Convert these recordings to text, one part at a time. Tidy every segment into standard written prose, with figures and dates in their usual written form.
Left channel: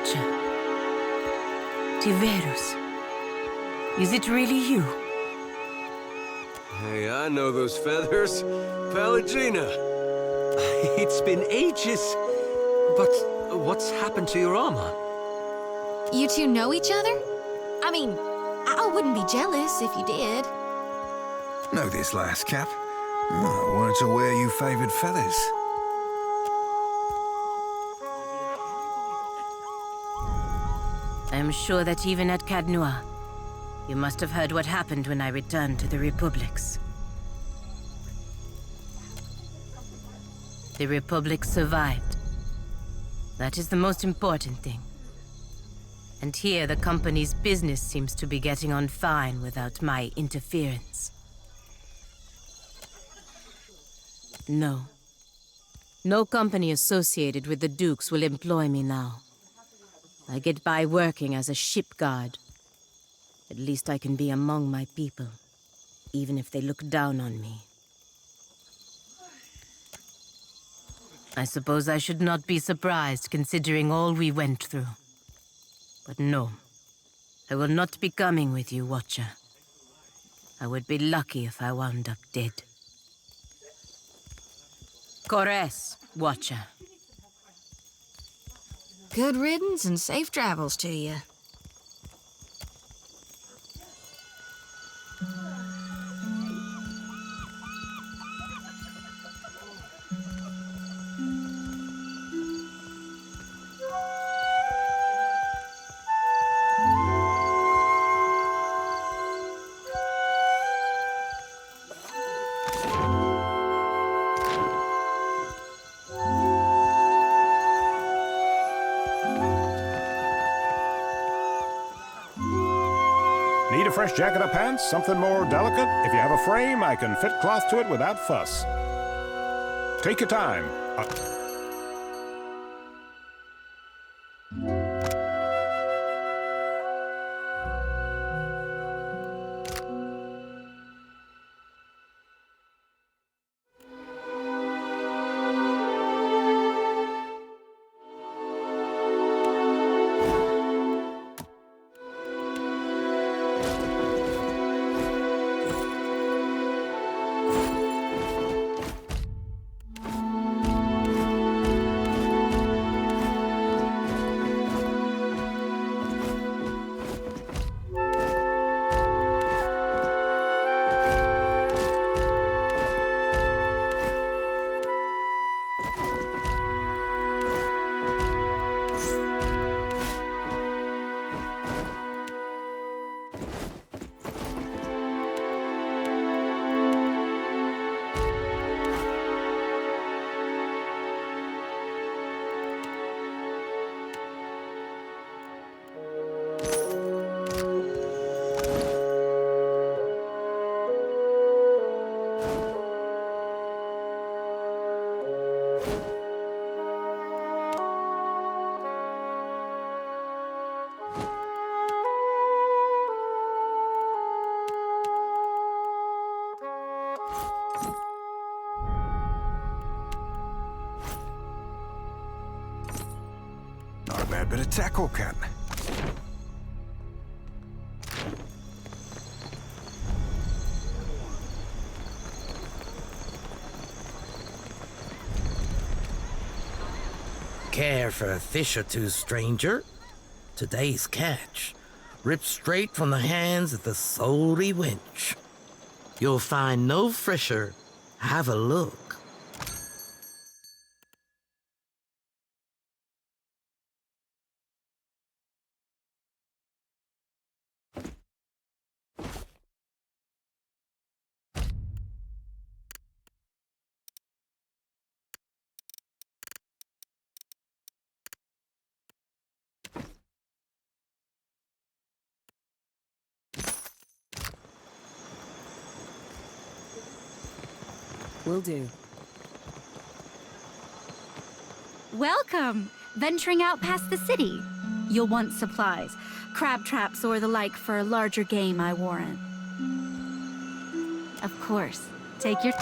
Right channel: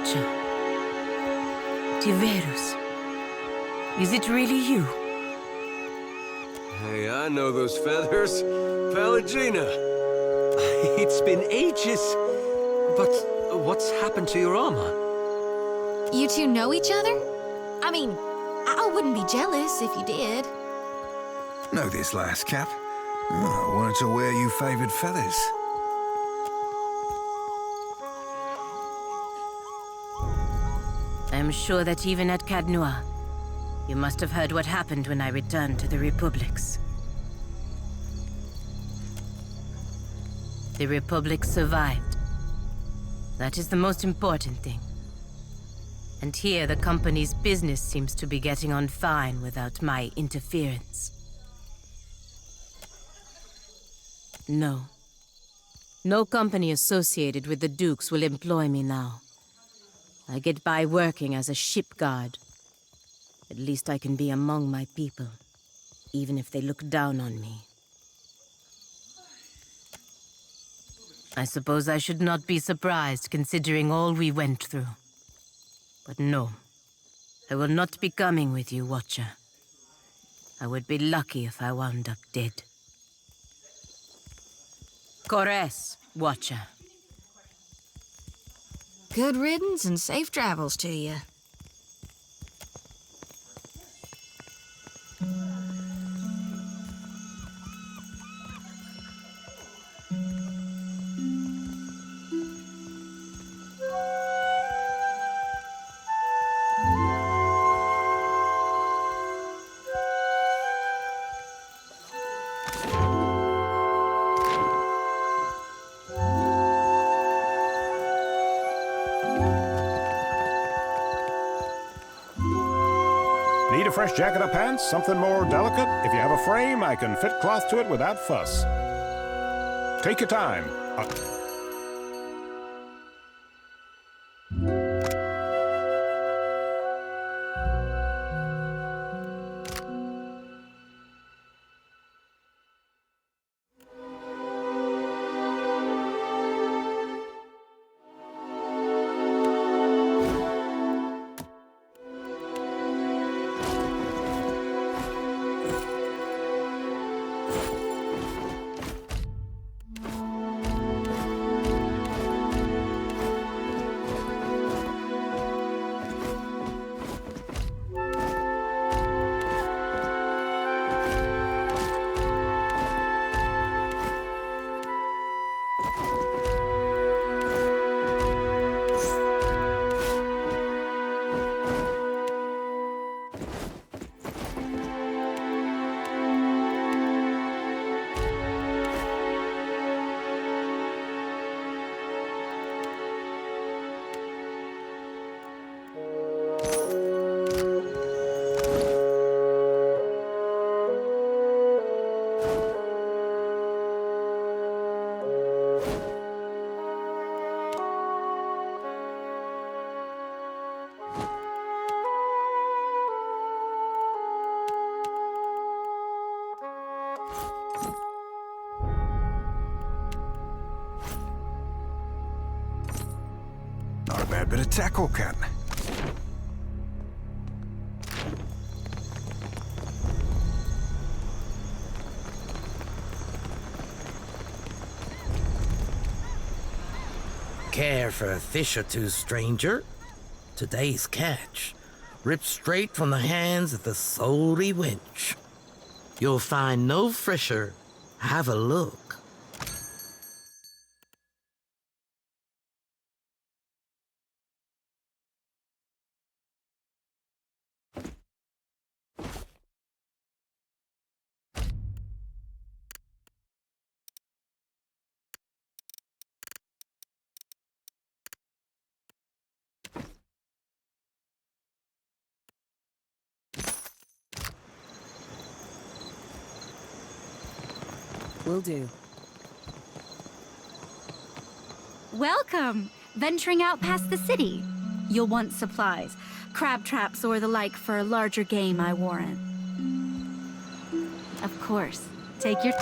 Watcher. Tiverus. Is it really you? Hey, I know those feathers. Pallegina. It's been ages. But what's happened to your armor? You two know each other? I mean, I wouldn't be jealous if you did. Know this last Cap? I weren't aware you favoured feathers. I am sure that even at Cadnois, you must have heard what happened when I returned to the Republics. The Republic survived. That is the most important thing. And here the company's business seems to be getting on fine without my interference. No. No company associated with the Dukes will employ me now. I get by working as a ship guard. At least I can be among my people, even if they look down on me. I suppose I should not be surprised considering all we went through. But no, I will not be coming with you, Watcher. I would be lucky if I wound up dead. Kores, Watcher. Good riddance and safe travels to you. Need a fresh jacket or pants? Something more delicate? If you have a frame, I can fit cloth to it without fuss. Take your time. Not a bad bit of tackle, Cat. Care for a fish or two, stranger? Today's catch, ripped straight from the hands of the salty wench. You'll find no fresher. Have a look. Will do. Welcome! Venturing out past the city. You'll want supplies, crab traps or the like for larger game, I warrant. Of course, take your...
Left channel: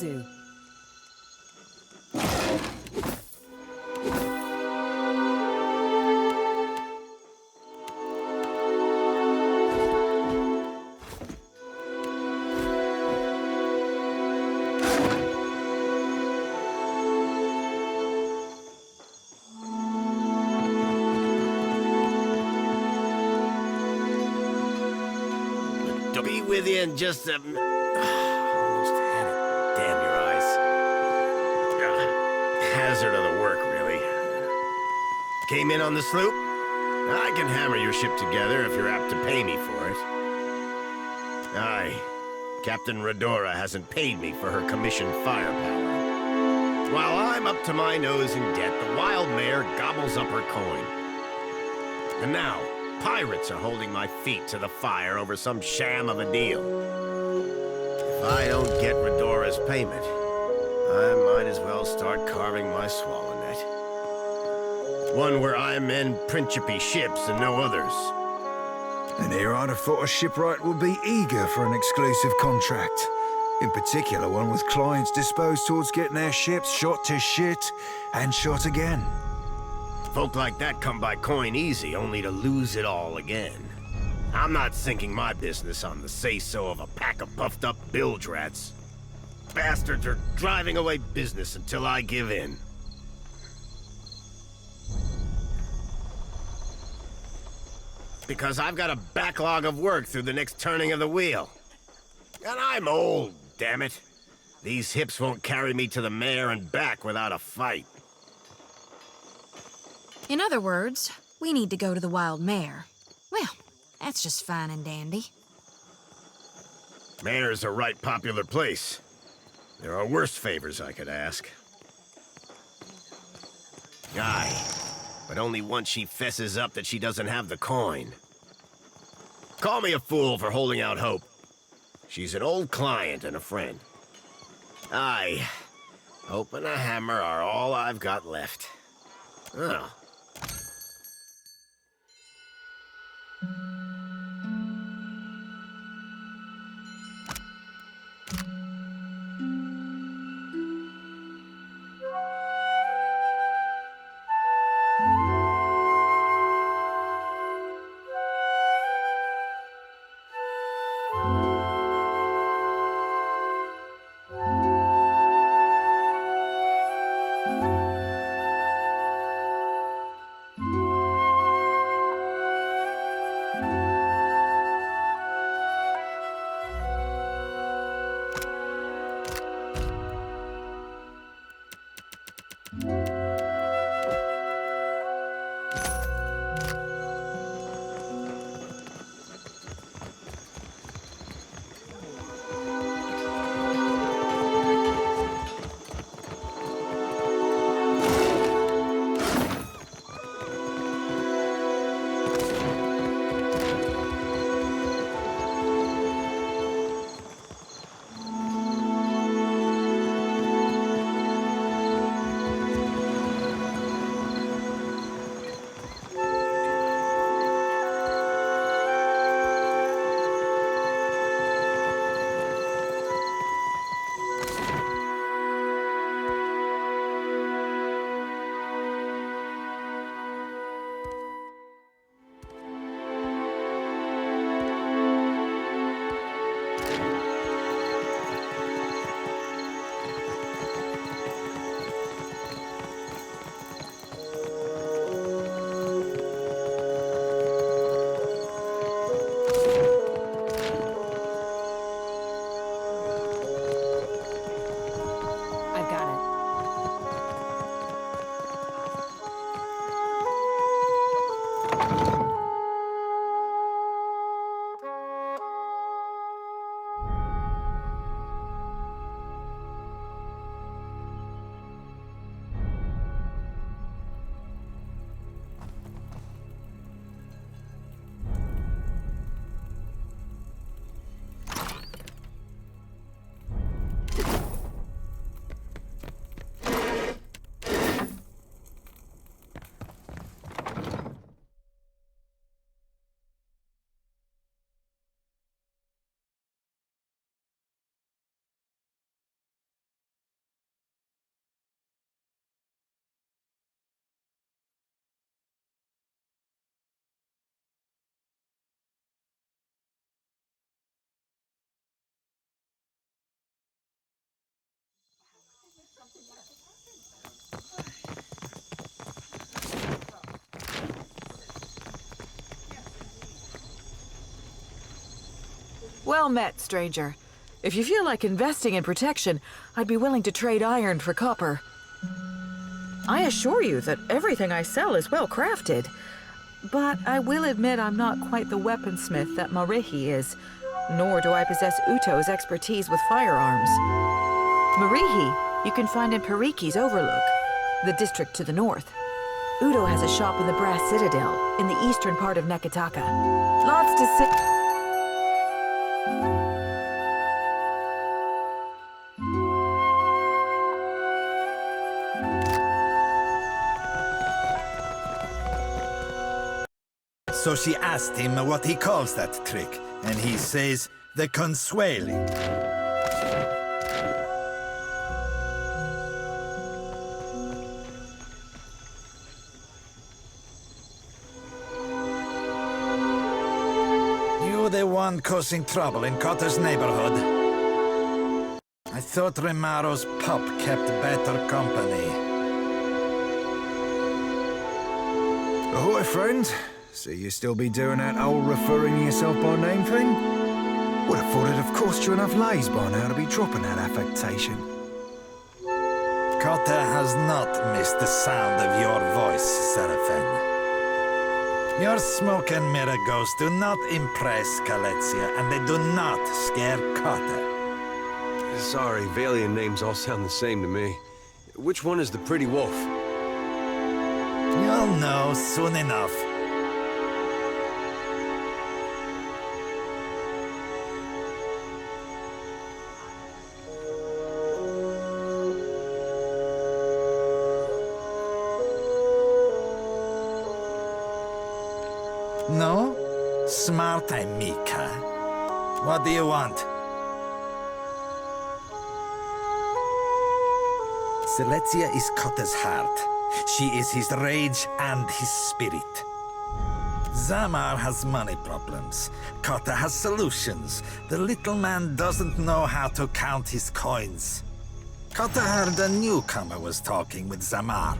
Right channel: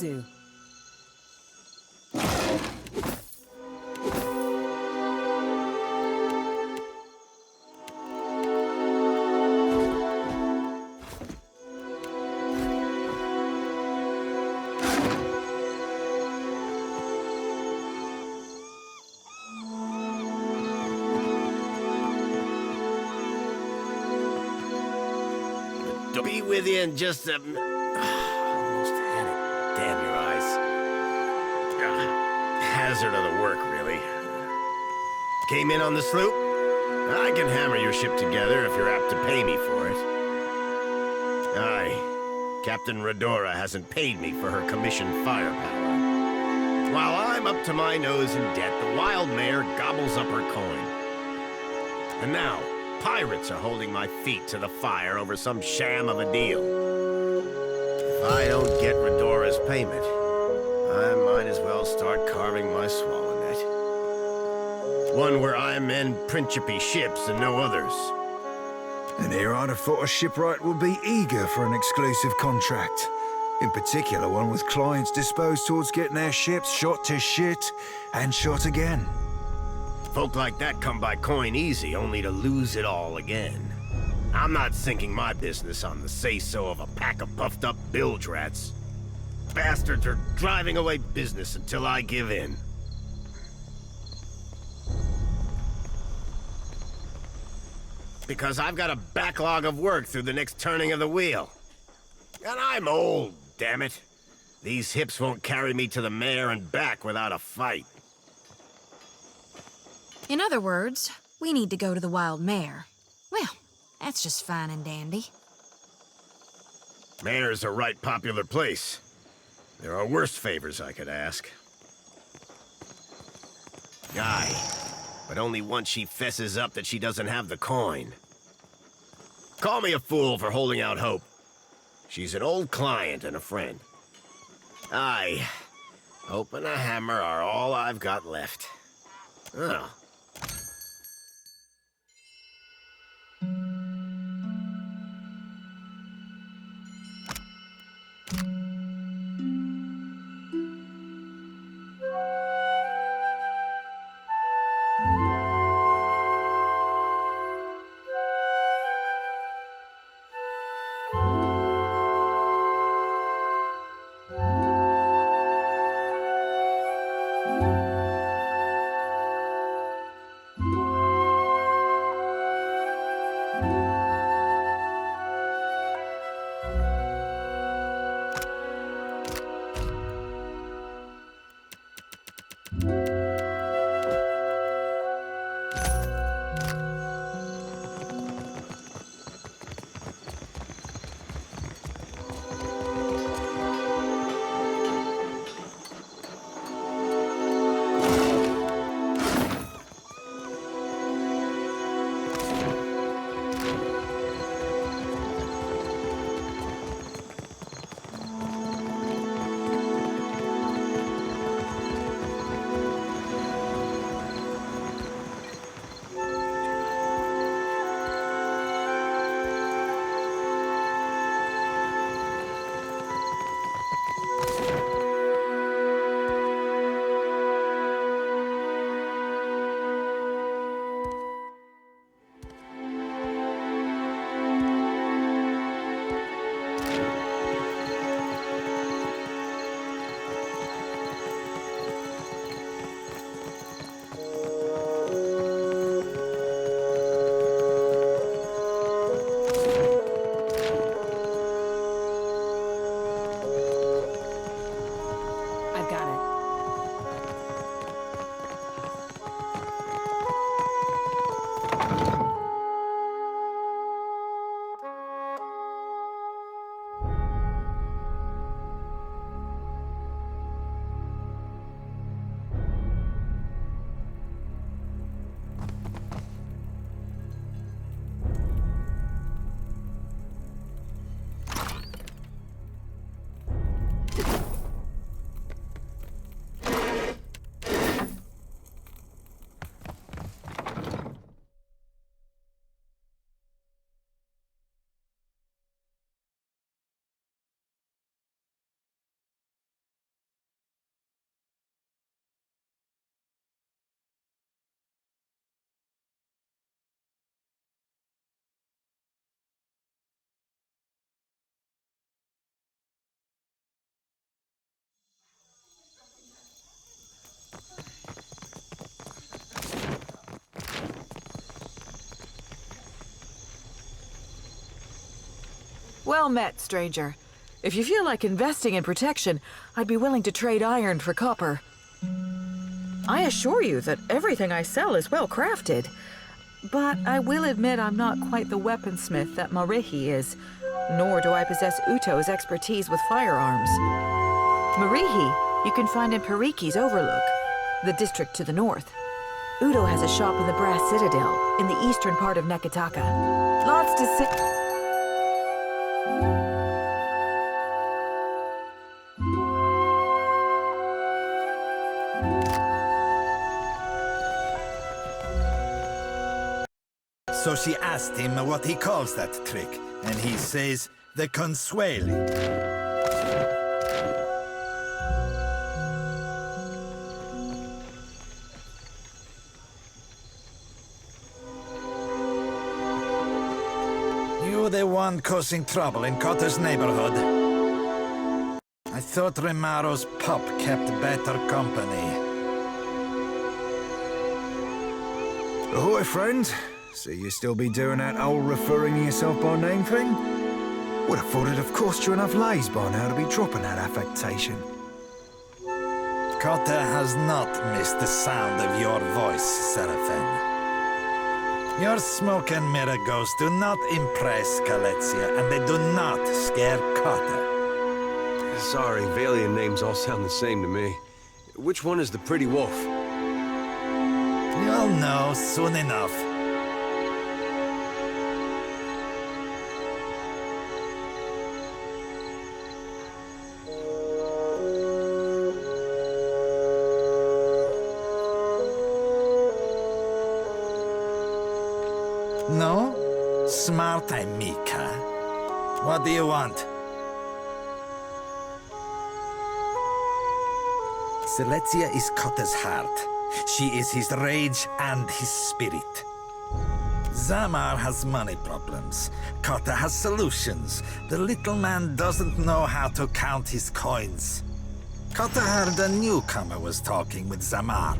do. Be with you in just a... Almost had it. Damn your eyes. Hazard of the work, really. Came in on the sloop? I can hammer your ship together if you're apt to pay me for it. Aye. Captain Redora hasn't paid me for her commissioned firepower. While I'm up to my nose in debt, the wild mare gobbles up her coin. And now, pirates are holding my feet to the fire over some sham of a deal. If I don't get Redora's payment, I might as well start carving my swallow net. One where I mend principy ships and no others. And here I'd have thought a shipwright would be eager for an exclusive contract. In particular, one with clients disposed towards getting their ships shot to shit and shot again. Folk like that come by coin easy, only to lose it all again. I'm not sinking my business on the say-so of a pack of puffed-up bilge rats. Bastards are driving away business until I give in. Because I've got a backlog of work through the next turning of the wheel. And I'm old, damn it. These hips won't carry me to the mare and back without a fight. In other words, we need to go to the Wild Mare. Well, that's just fine and dandy. Mare's a right popular place. There are worse favors I could ask. Aye, but only once she fesses up that she doesn't have the coin. Call me a fool for holding out hope. She's an old client and a friend. Aye, hope and a hammer are all I've got left. Oh. Well met, stranger. If you feel like investing in protection, I'd be willing to trade iron for copper. I assure you that everything I sell is well crafted. But I will admit I'm not quite the weaponsmith that Marihi is, nor do I possess Uto's expertise with firearms. Marihi you can find in Pariki's Overlook, the district to the north. Uto has a shop in the Brass Citadel, in the eastern part of Neketaka. Lots to see. So she asked him what he calls that trick, and he says, the consueli. You the one causing trouble in Cotter's neighborhood? I thought Remaro's pup kept better company. Ahoy, friend. So you still be doing that old referring to yourself by name thing? Would have thought it'd have cost you enough lays by now to be dropping that affectation. Cotter has not missed the sound of your voice, Seraphin. Your smoke and mirror ghosts do not impress Kaletzia, and they do not scare Cotter. Sorry, Valian names all sound the same to me. Which one is the pretty wolf? You'll know soon enough. No? Smart Mika. What do you want? Selexia is Kotter's heart. She is his rage and his spirit. Zamar has money problems. Kotter has solutions. The little man doesn't know how to count his coins. Kotter heard a newcomer was talking with Zamar.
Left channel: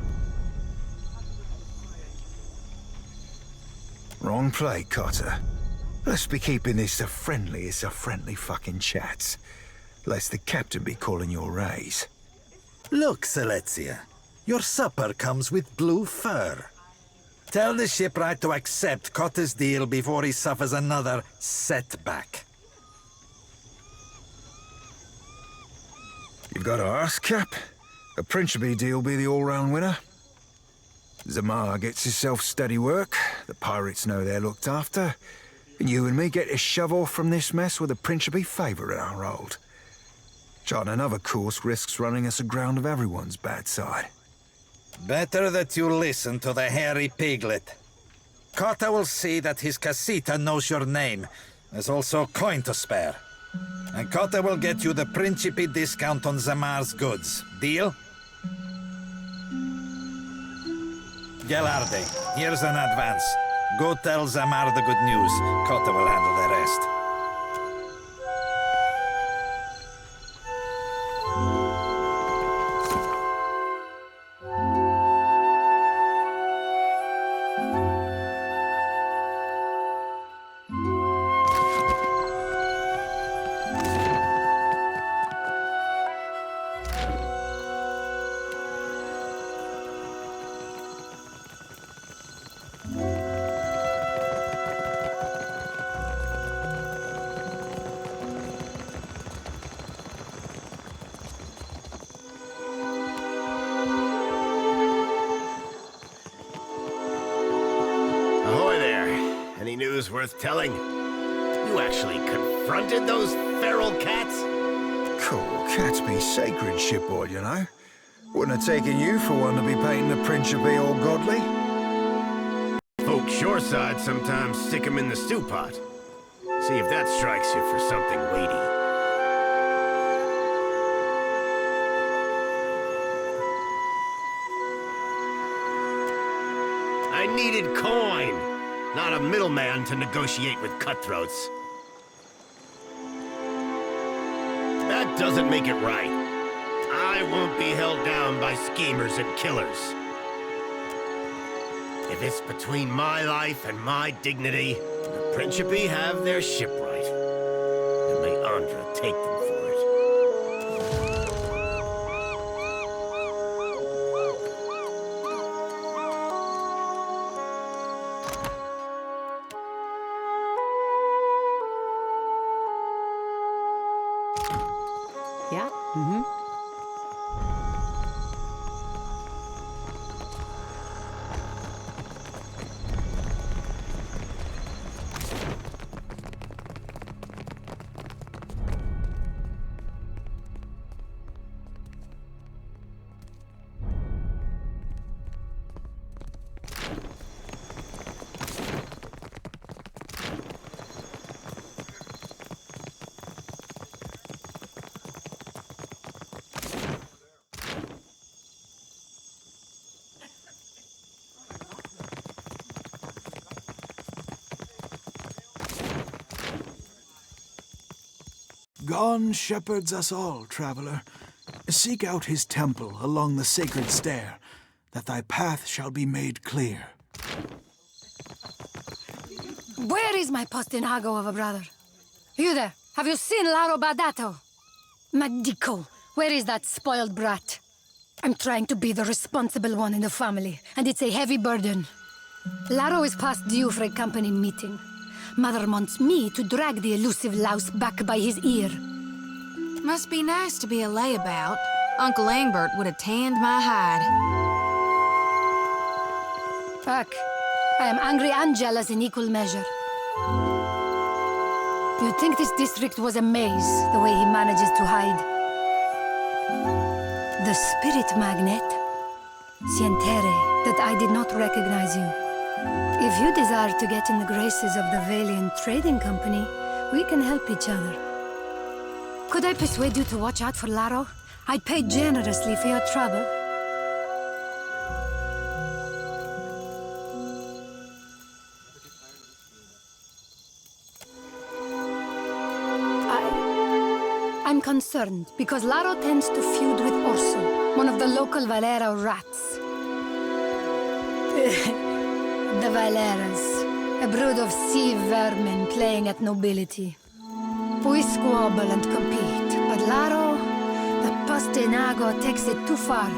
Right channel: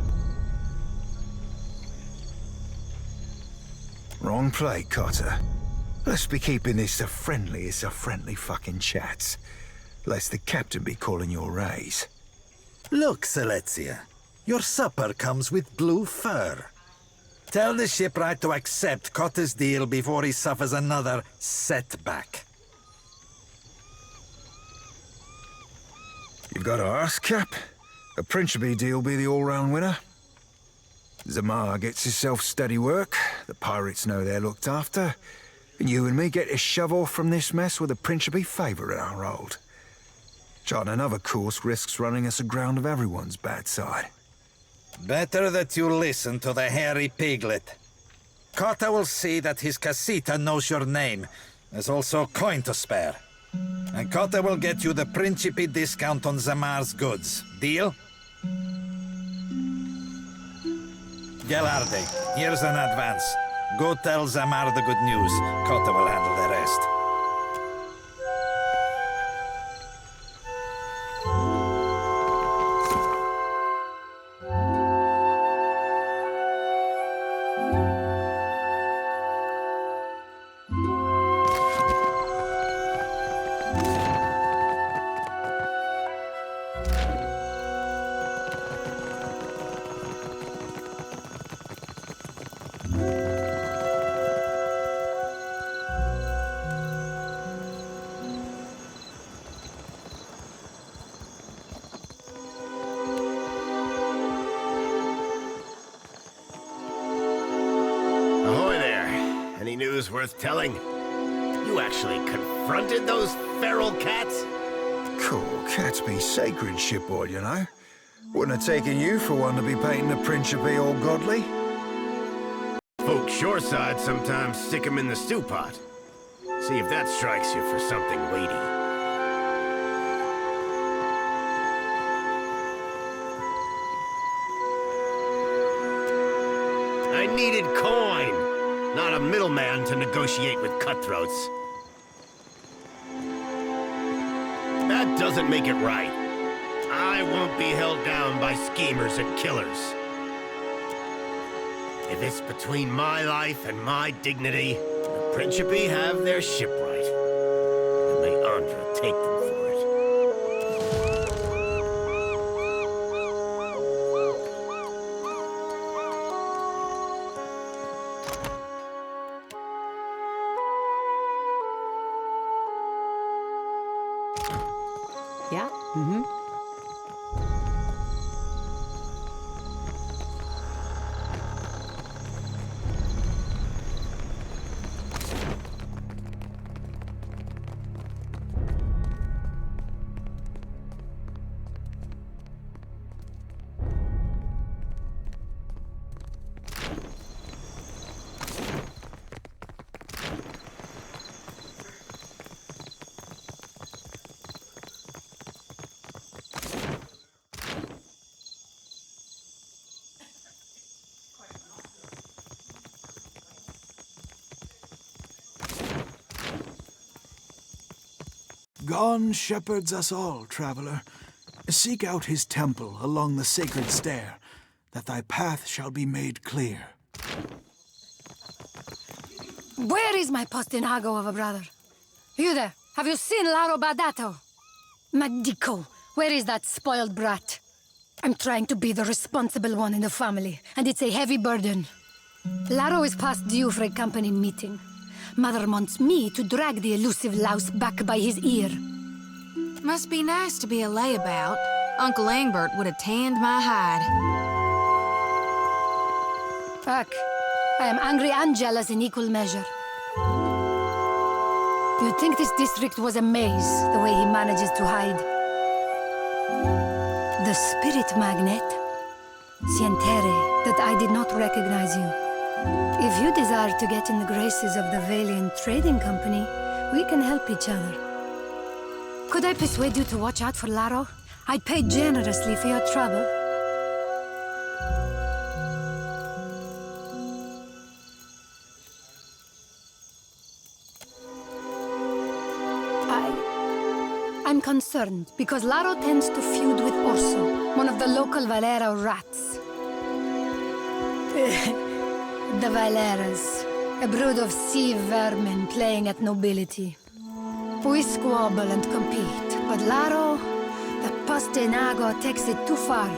Wrong play, Cotter. Let's be keeping this as friendly fucking chats. Lest the captain be calling your raise. Look, Selexia. Your supper comes with blue fur. Tell the shipwright to accept Kotter's deal before he suffers another setback. You've got to ask, Cap. A Principe deal be the all-round winner. Zamar gets himself steady work, the pirates know they're looked after, and you and me get to shove off from this mess with a Principe favour in our hold. Charting another course risks running us aground of everyone's bad side. Better that you listen to the hairy piglet. Cotter will see that his casita knows your name. There's also coin to spare. And Cotter will get you the Principe discount on Zamar's goods. Deal? Gelarde, here's an advance. Go tell Zamar the good news. Cotter will handle the rest. Ahoy there. Any news worth telling? You actually confronted those feral cats? Cool, cats be sacred, shipboard, you know. Wouldn't have taken you for one to be painting the Principe all godly. Folk shoreside sometimes stick 'em in the stew pot. See if that strikes you for something weighty. I needed coin, not a middleman to negotiate with cutthroats. That doesn't make it right. I won't be held down by schemers and killers. If it's between my life and my dignity, the Principe have their shipwright. Chandra take them for it. Yeah? Mm-hmm. Gone shepherds us all, traveler. Seek out his temple along the sacred stair, that thy path shall be made clear. Where is my postinago of a brother? You there? Have you seen Laro Badato? Madico, where is that spoiled brat? I'm trying to be the responsible one in the family, and it's a heavy burden. Laro is past due for a company meeting. Mother wants me to drag the elusive louse back by his ear. Must be nice to be a layabout. Uncle Engbert would have tanned my hide. Fuck. I am angry and jealous in equal measure. You'd think this district was a maze, the way he manages to hide. The spirit magnet. Sientere, that I did not recognize you. If you desire to get in the graces of the Valiant Trading Company, we can help each other. Could I persuade you to watch out for Laro? I'd pay generously for your trouble. I'm concerned because Laro tends to feud with Orso, one of the local Valera rats. The Valeras, a brood of sea vermin playing at nobility. We squabble and compete, but Laro, the Postinago, takes it too far.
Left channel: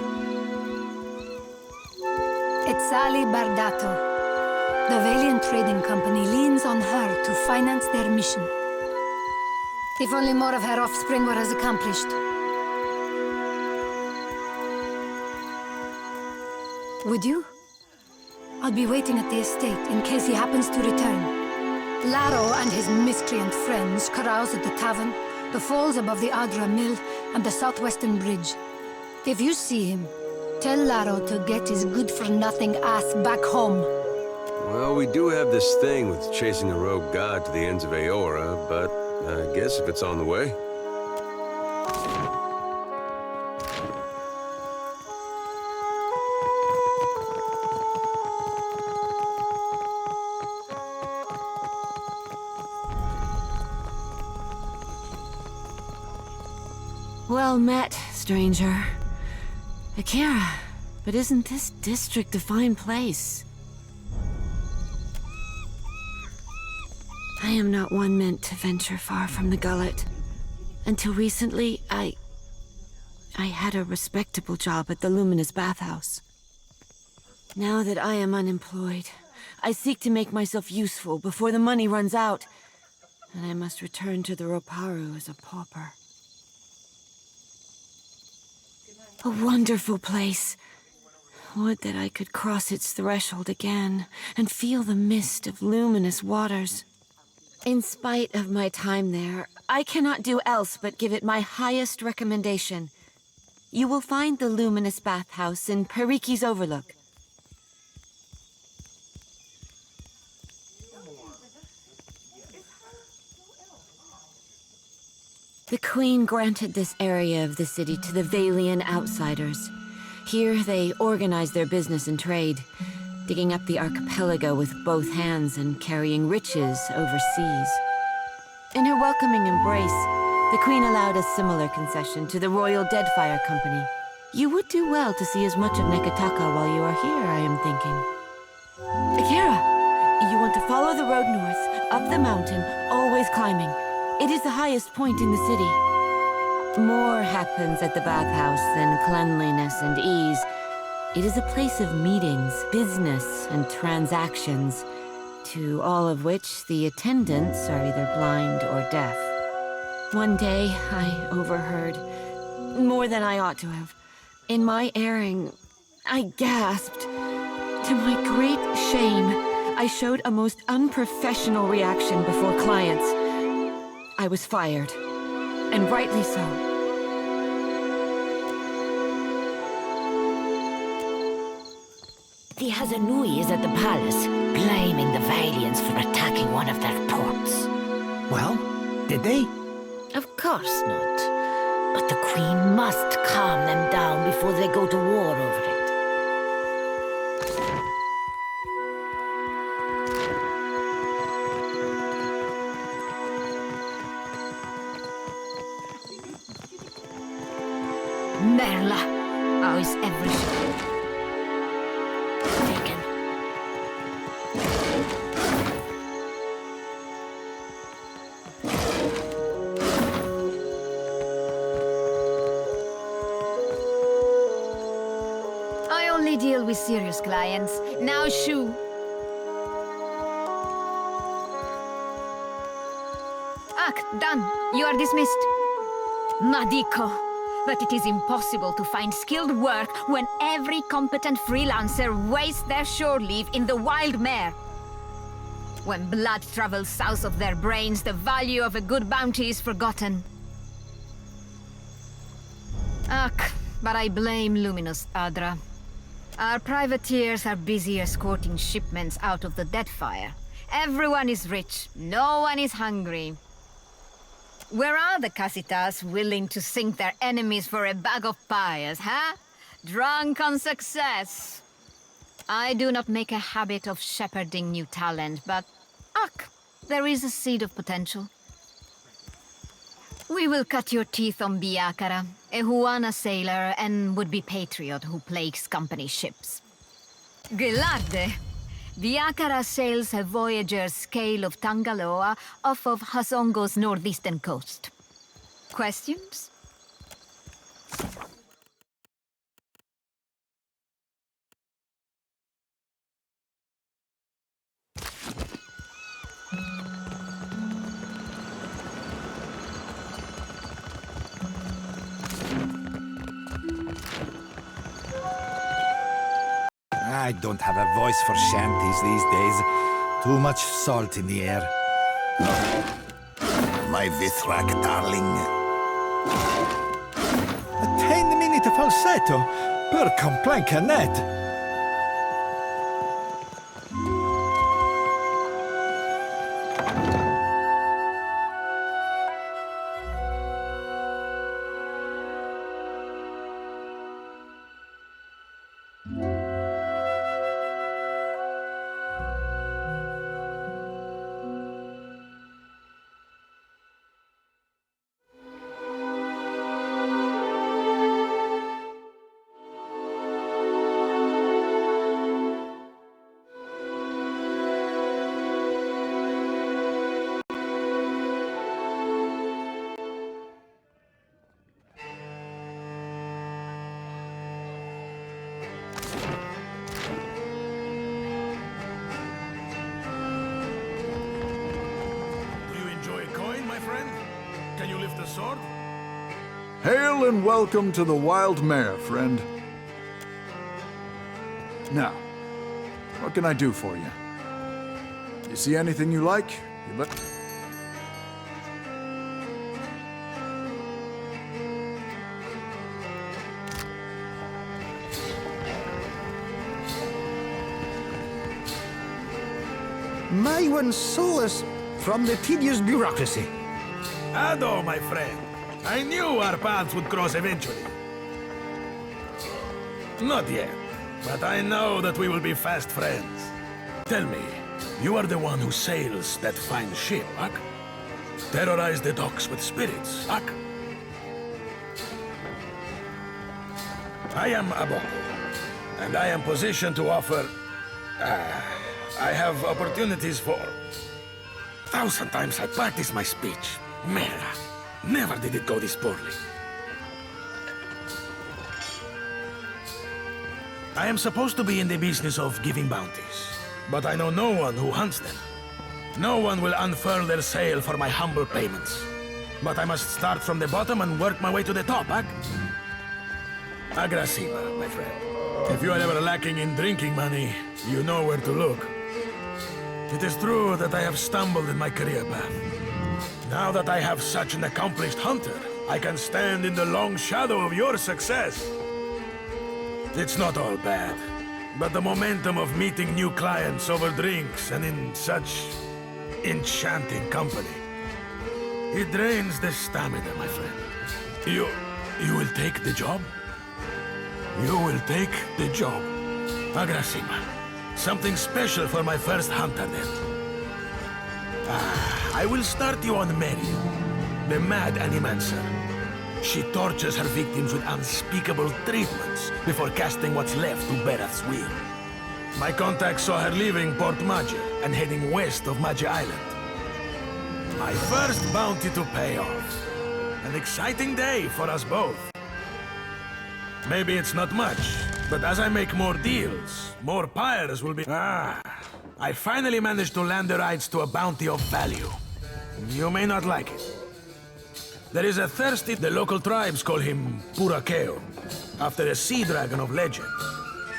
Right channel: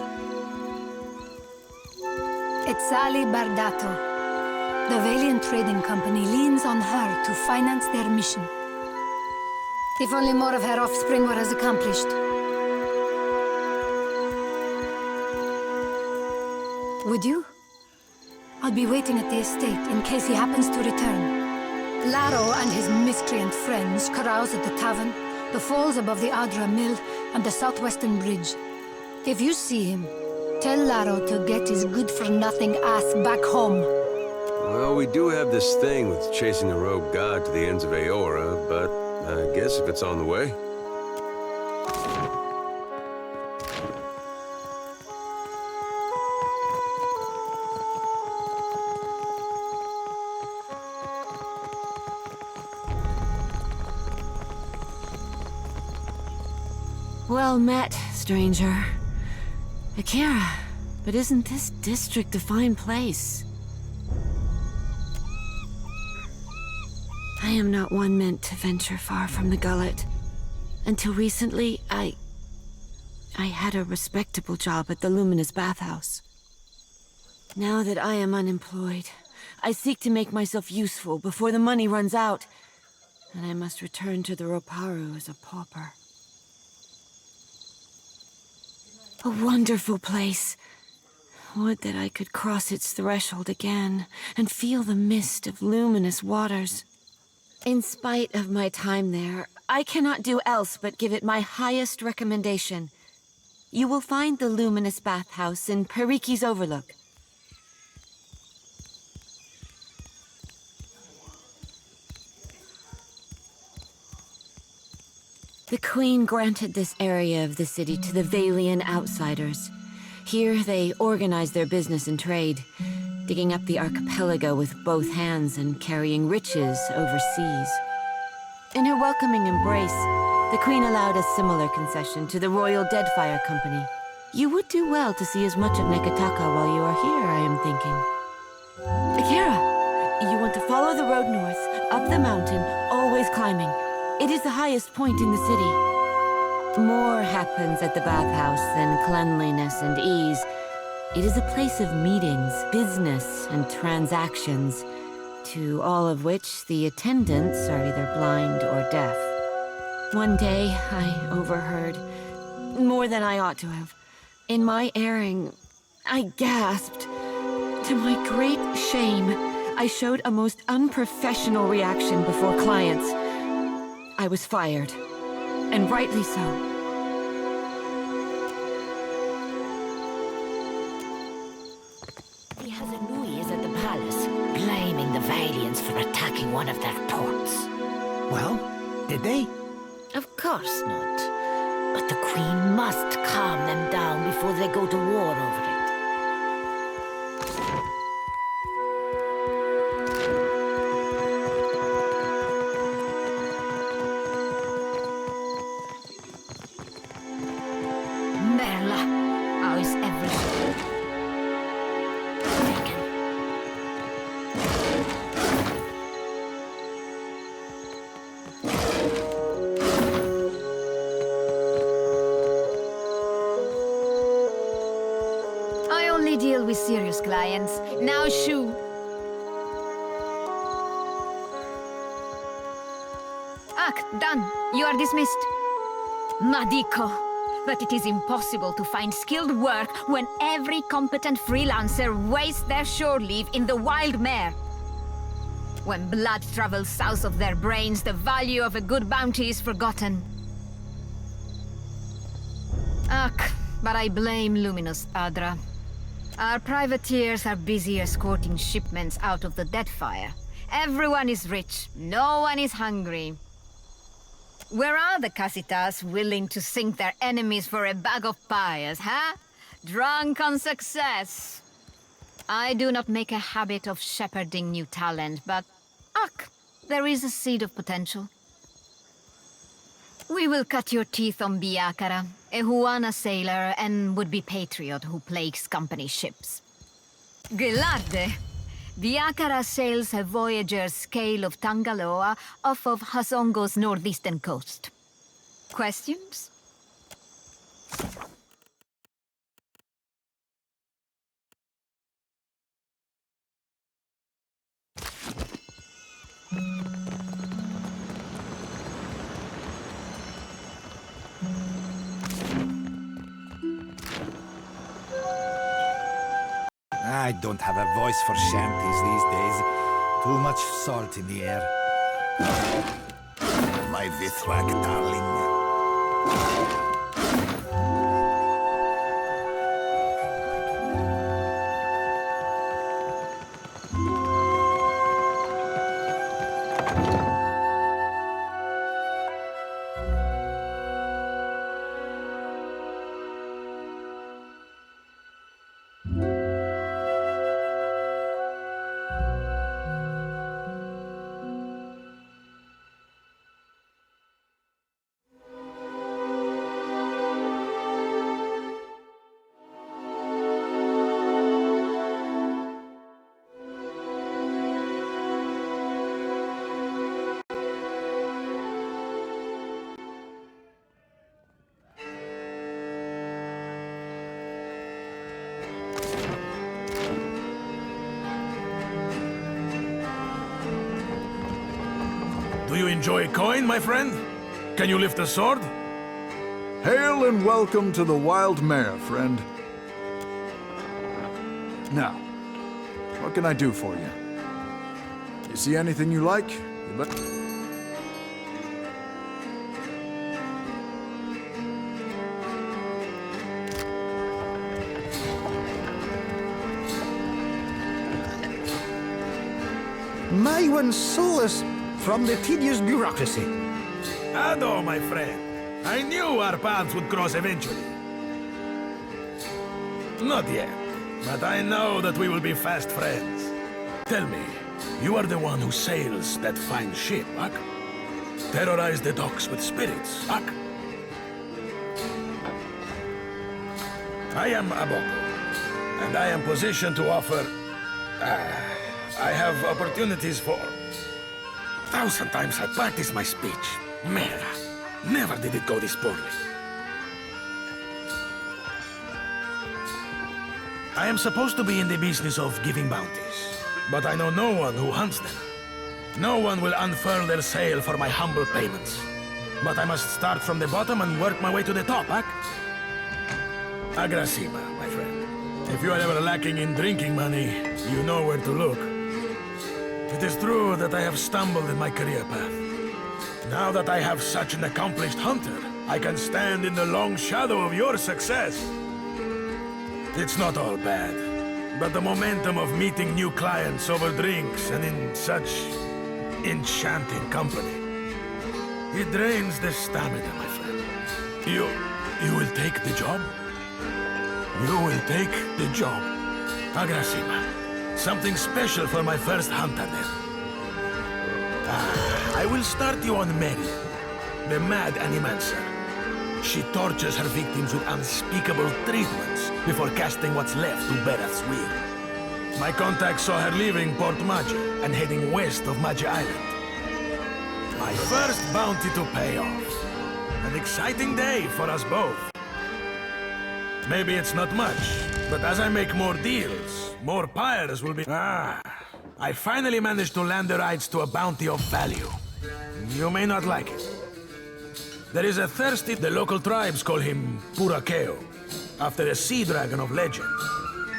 It's Ali Bardato. The Valiant Trading Company leans on her to finance their mission. If only more of her offspring were as accomplished. Would you? I'll be waiting at the estate in case he happens to return. Laro and his miscreant friends carouse at the tavern, the falls above the Adra Mill, and the southwestern bridge. If you see him, tell Laro to get his good-for-nothing ass back home. Well, we do have this thing with chasing a rogue god to the ends of Aora, but I guess if it's on the way. Well met, stranger. Akira, but isn't this district a fine place? I am not one meant to venture far from the gullet. Until recently, I had a respectable job at the Luminous Bathhouse. Now that I am unemployed, I seek to make myself useful before the money runs out, and I must return to the Roparu as a pauper. A wonderful place. Would that I could cross its threshold again and feel the mist of luminous waters. In spite of my time there, I cannot do else but give it my highest recommendation. You will find the Luminous Bathhouse in Periki's Overlook. The Queen granted this area of the city to the Valian outsiders. Here they organize their business and trade, digging up the archipelago with both hands and carrying riches overseas. In her welcoming embrace, the Queen allowed a similar concession to the Royal Deadfire Company. You would do well to see as much of Nekataka while you are here, I am thinking. Akira, you want to follow the road north, up the mountain, always climbing. It is the highest point in the city. More happens at the bathhouse than cleanliness and ease. It is a place of meetings, business, and transactions, to all of which the attendants are either blind or deaf. One day, I overheard more than I ought to have. In my erring, I gasped. To my great shame, I showed a most unprofessional reaction before clients. I was fired, and rightly so. The Hazanui is at the palace, blaming the Valiants for attacking one of their ports. Well, did they? Of course not. But the Queen must calm them down before they go to war over it. Merla, how is everything? Taken. I only deal with serious clients. Now shoo. Done. You are dismissed. Madiko. But it is impossible to find skilled work when every competent freelancer wastes their shore leave in the wild mare. When blood travels south of their brains, the value of a good bounty is forgotten. But I blame Luminous Adra. Our privateers are busy escorting shipments out of the Deadfire. Everyone is rich, no one is hungry. Where are the Casitas willing to sink their enemies for a bag of pyres, huh? Drunk on success. I do not make a habit of shepherding new talent, but there is a seed of potential. We will cut your teeth on Biakara, a Huana sailor and would-be patriot who plagues company ships. Gelarde! Biakara sails a voyager's scale of Tangaloa off of Hasongo's northeastern coast. Questions? I don't have a voice for shanties these days. Too much salt in the air. My Vithrak, darling. A 10-minute falsetto per complancanet. Do you enjoy coin, my friend? Can you lift a sword? Hail and welcome to the Wild Mare, friend. Now, what can I do for you? You see anything you like? You let... My one solace from the tedious bureaucracy. Ado, my friend. I knew our paths would cross eventually. Not yet, but I know that we will be fast friends. Tell me, you are the one who sails that fine ship, Ak? Terrorize the docks with spirits, Ak? I am Aboko, and I am positioned to offer... I have opportunities for... 1,000 times I practice my speech. Mera, never did it go this poorly. I am supposed to be in the business of giving bounties, but I know no one who hunts them. No one will unfurl their sail for my humble payments. But I must start from the bottom and work my way to the top, huh? Agrasima, my friend. If you are ever lacking in drinking money, you know where to look. It is true that I have stumbled in my career path. Now that I have such an accomplished hunter, I can stand in the long shadow of your success. It's not all bad, but the momentum of meeting new clients over drinks and in such enchanting company, it drains the stamina, my friend. You will take the job? You will take the job. Agrasima. Something special for my first hunter, then. I will start you on Marion, the mad animancer. She tortures her victims with unspeakable treatments before casting what's left to Berath's will. My contact saw her leaving Port Magi and heading west of Magi Island. My first bounty to pay off. An exciting day for us both. Maybe it's not much, but as I make more deals, more pyres will be... I finally managed to land the rights to a bounty of value. You may not like it. There is a thirsty... The local tribes call him Purakeo, after a sea dragon of legend.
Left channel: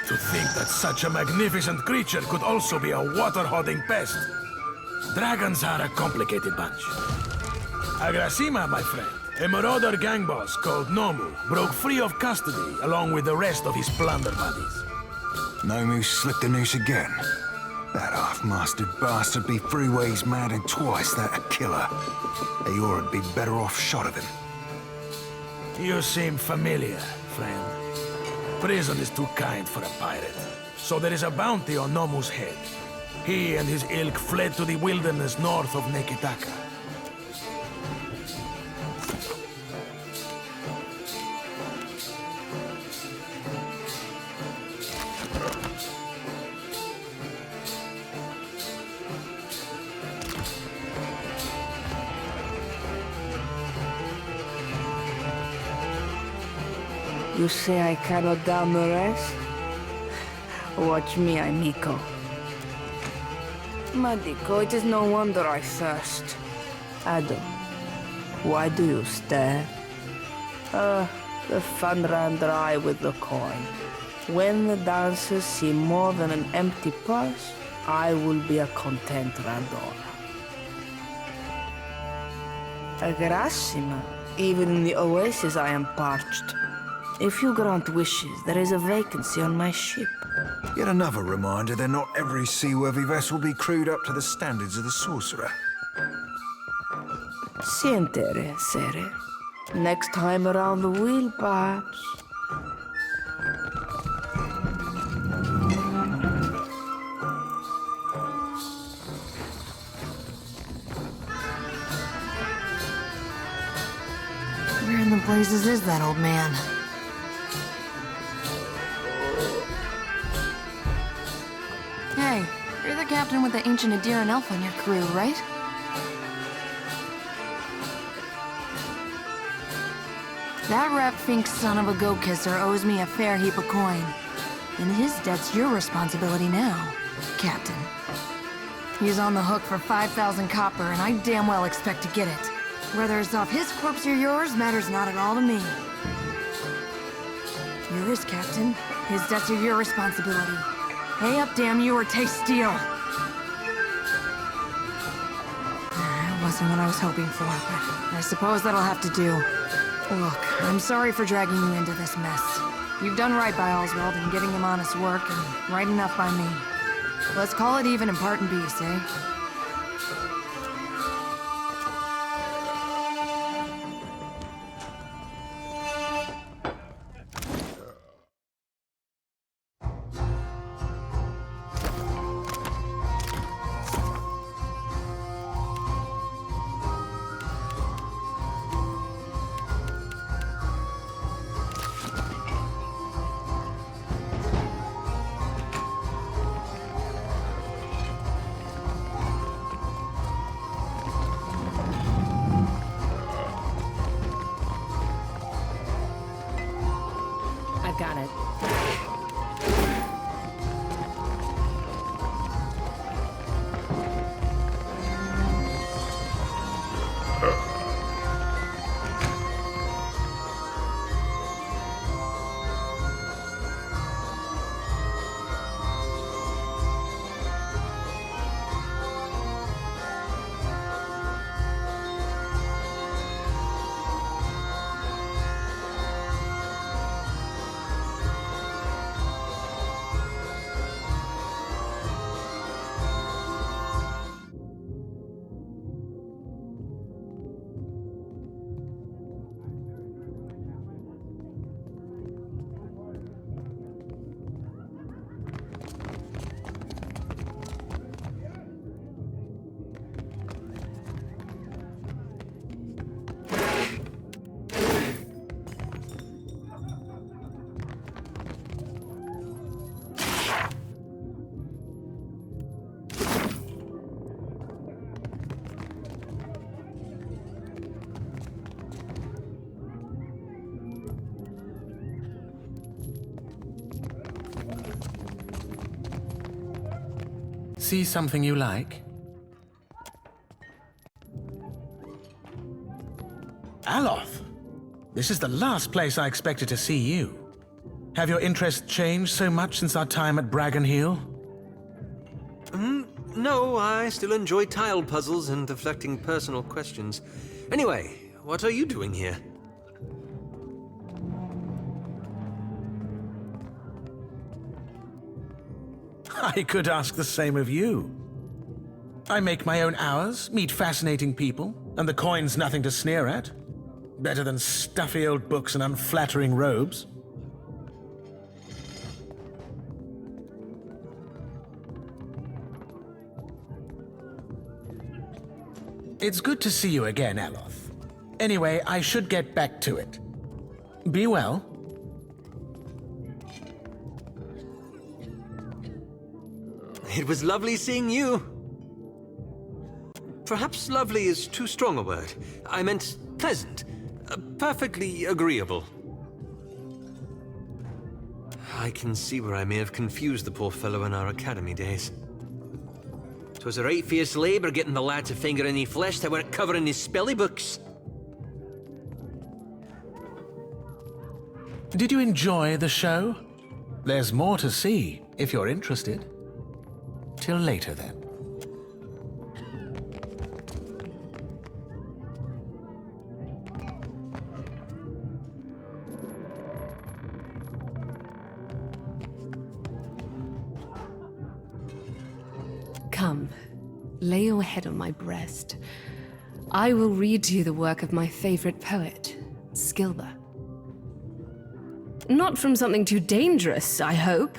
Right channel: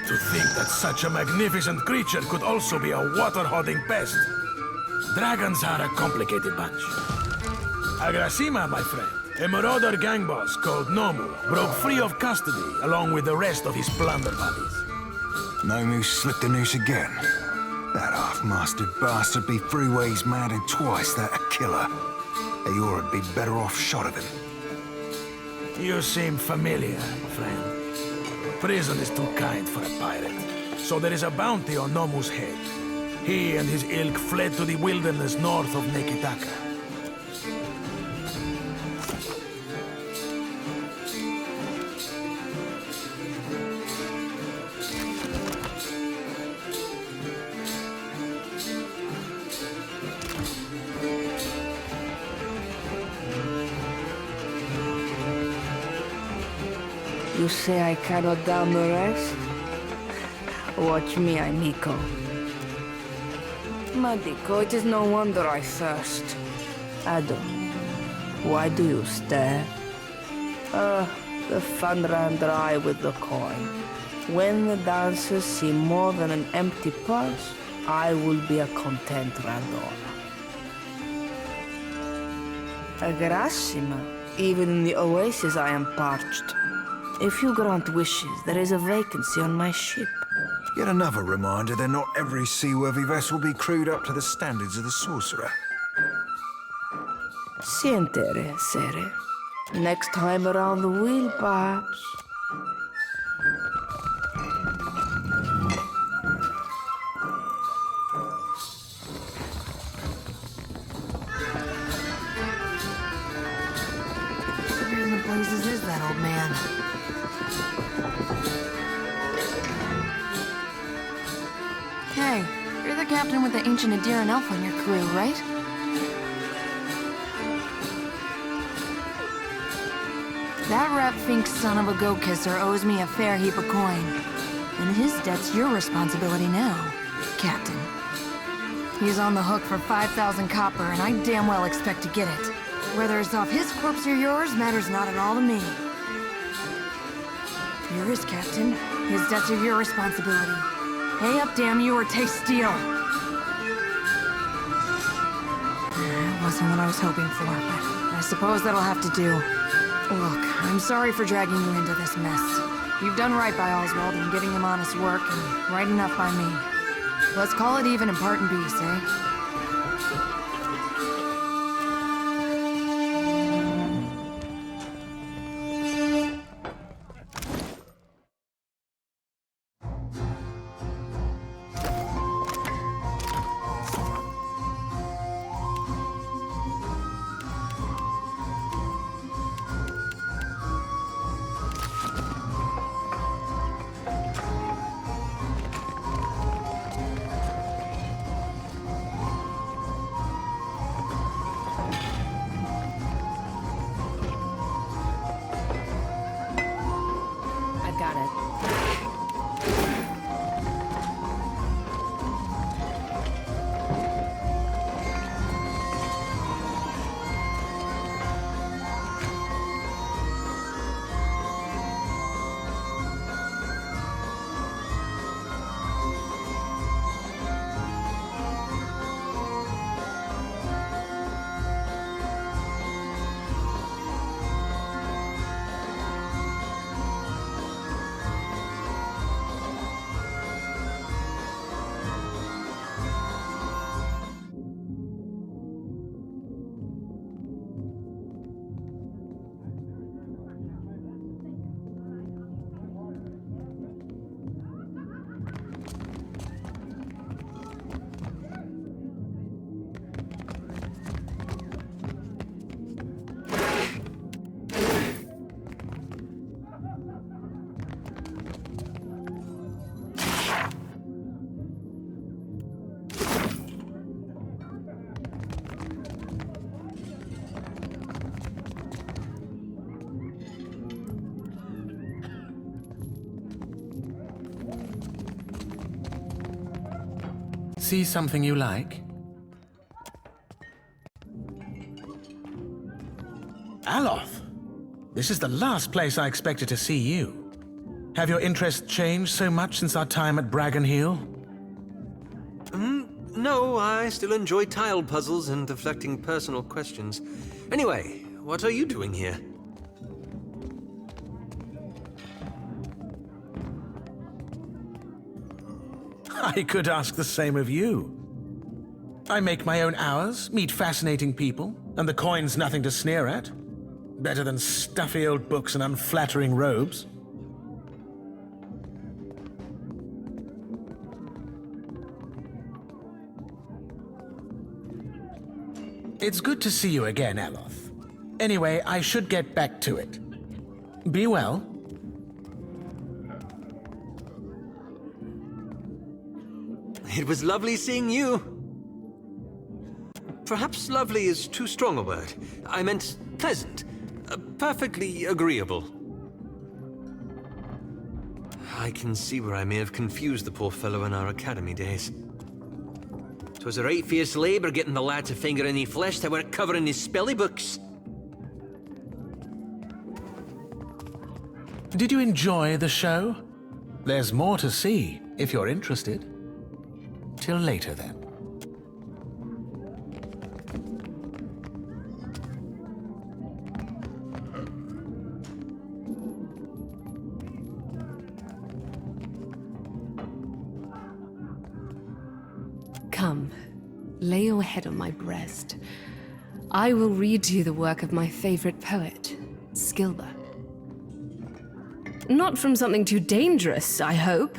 To think that such a magnificent creature could also be a water-hoarding pest. Dragons are a complicated bunch. Agrasima, my friend, a marauder gang boss called Nomu, broke free of custody along with the rest of his plunder buddies. Nomu slipped the noose again. That half-mastered bastard be freeways mad and twice that a killer. Eoora'd be better off shot of him. You seem familiar, friend. Prison is too kind for a pirate. So there is a bounty on Nomu's head. He and his ilk fled to the wilderness north of Nekitaka. You say I cannot down the rest? Watch me, amico. Madico, it is no wonder I thirst. Ado, why do you stare? The fun ran dry with the coin. When the dancers see more than an empty purse, I will be a content Randora. Agrasima, even in the oasis I am parched. If you grant wishes, there is a vacancy on my ship. Yet another reminder that not every seaworthy vessel be crewed up to the standards of the sorcerer. Sientere, Sere. Next time around the wheel, perhaps. Where in the blazes is that old man? Hey, you're the captain with the ancient Adiran elf on your crew, right? That rat-fink son of a goat-kisser owes me a fair heap of coin. And his debt's your responsibility now, Captain. He's on the hook for 5,000 copper, and I damn well expect to get it. Whether it's off his corpse or yours matters not at all to me. You're his captain. His debts are your responsibility. Pay up, damn you, or taste steel. It wasn't what I was hoping for, but I suppose that'll have to do. Look, I'm sorry for dragging you into this mess. You've done right by Oswald in giving him honest work, and right enough by me. Let's call it even and part in peace, eh? at it. See something you like? Aloth! This is the last place I expected to see you. Have your interests changed so much since our time at Bragon Hill? No, I still enjoy tile puzzles and deflecting personal questions. Anyway, what are you doing here? I could ask the same of you. I make my own hours, meet fascinating people, and the coin's nothing to sneer at. Better than stuffy old books and unflattering robes. It's good to see you again, Aloth. Anyway, I should get back to it. Be well. It was lovely seeing you. Perhaps lovely is too strong a word. I meant pleasant. Perfectly agreeable. I can see where I may have confused the poor fellow in our academy days. 'Twas a right fierce labour getting the lad to finger any flesh that were covering his spelly books. Did you enjoy the show? There's more to see, if you're interested. Till later, then. Come, lay your head on my breast. I will read to you the work of my favorite poet, Skilba. Not from something too dangerous, I hope.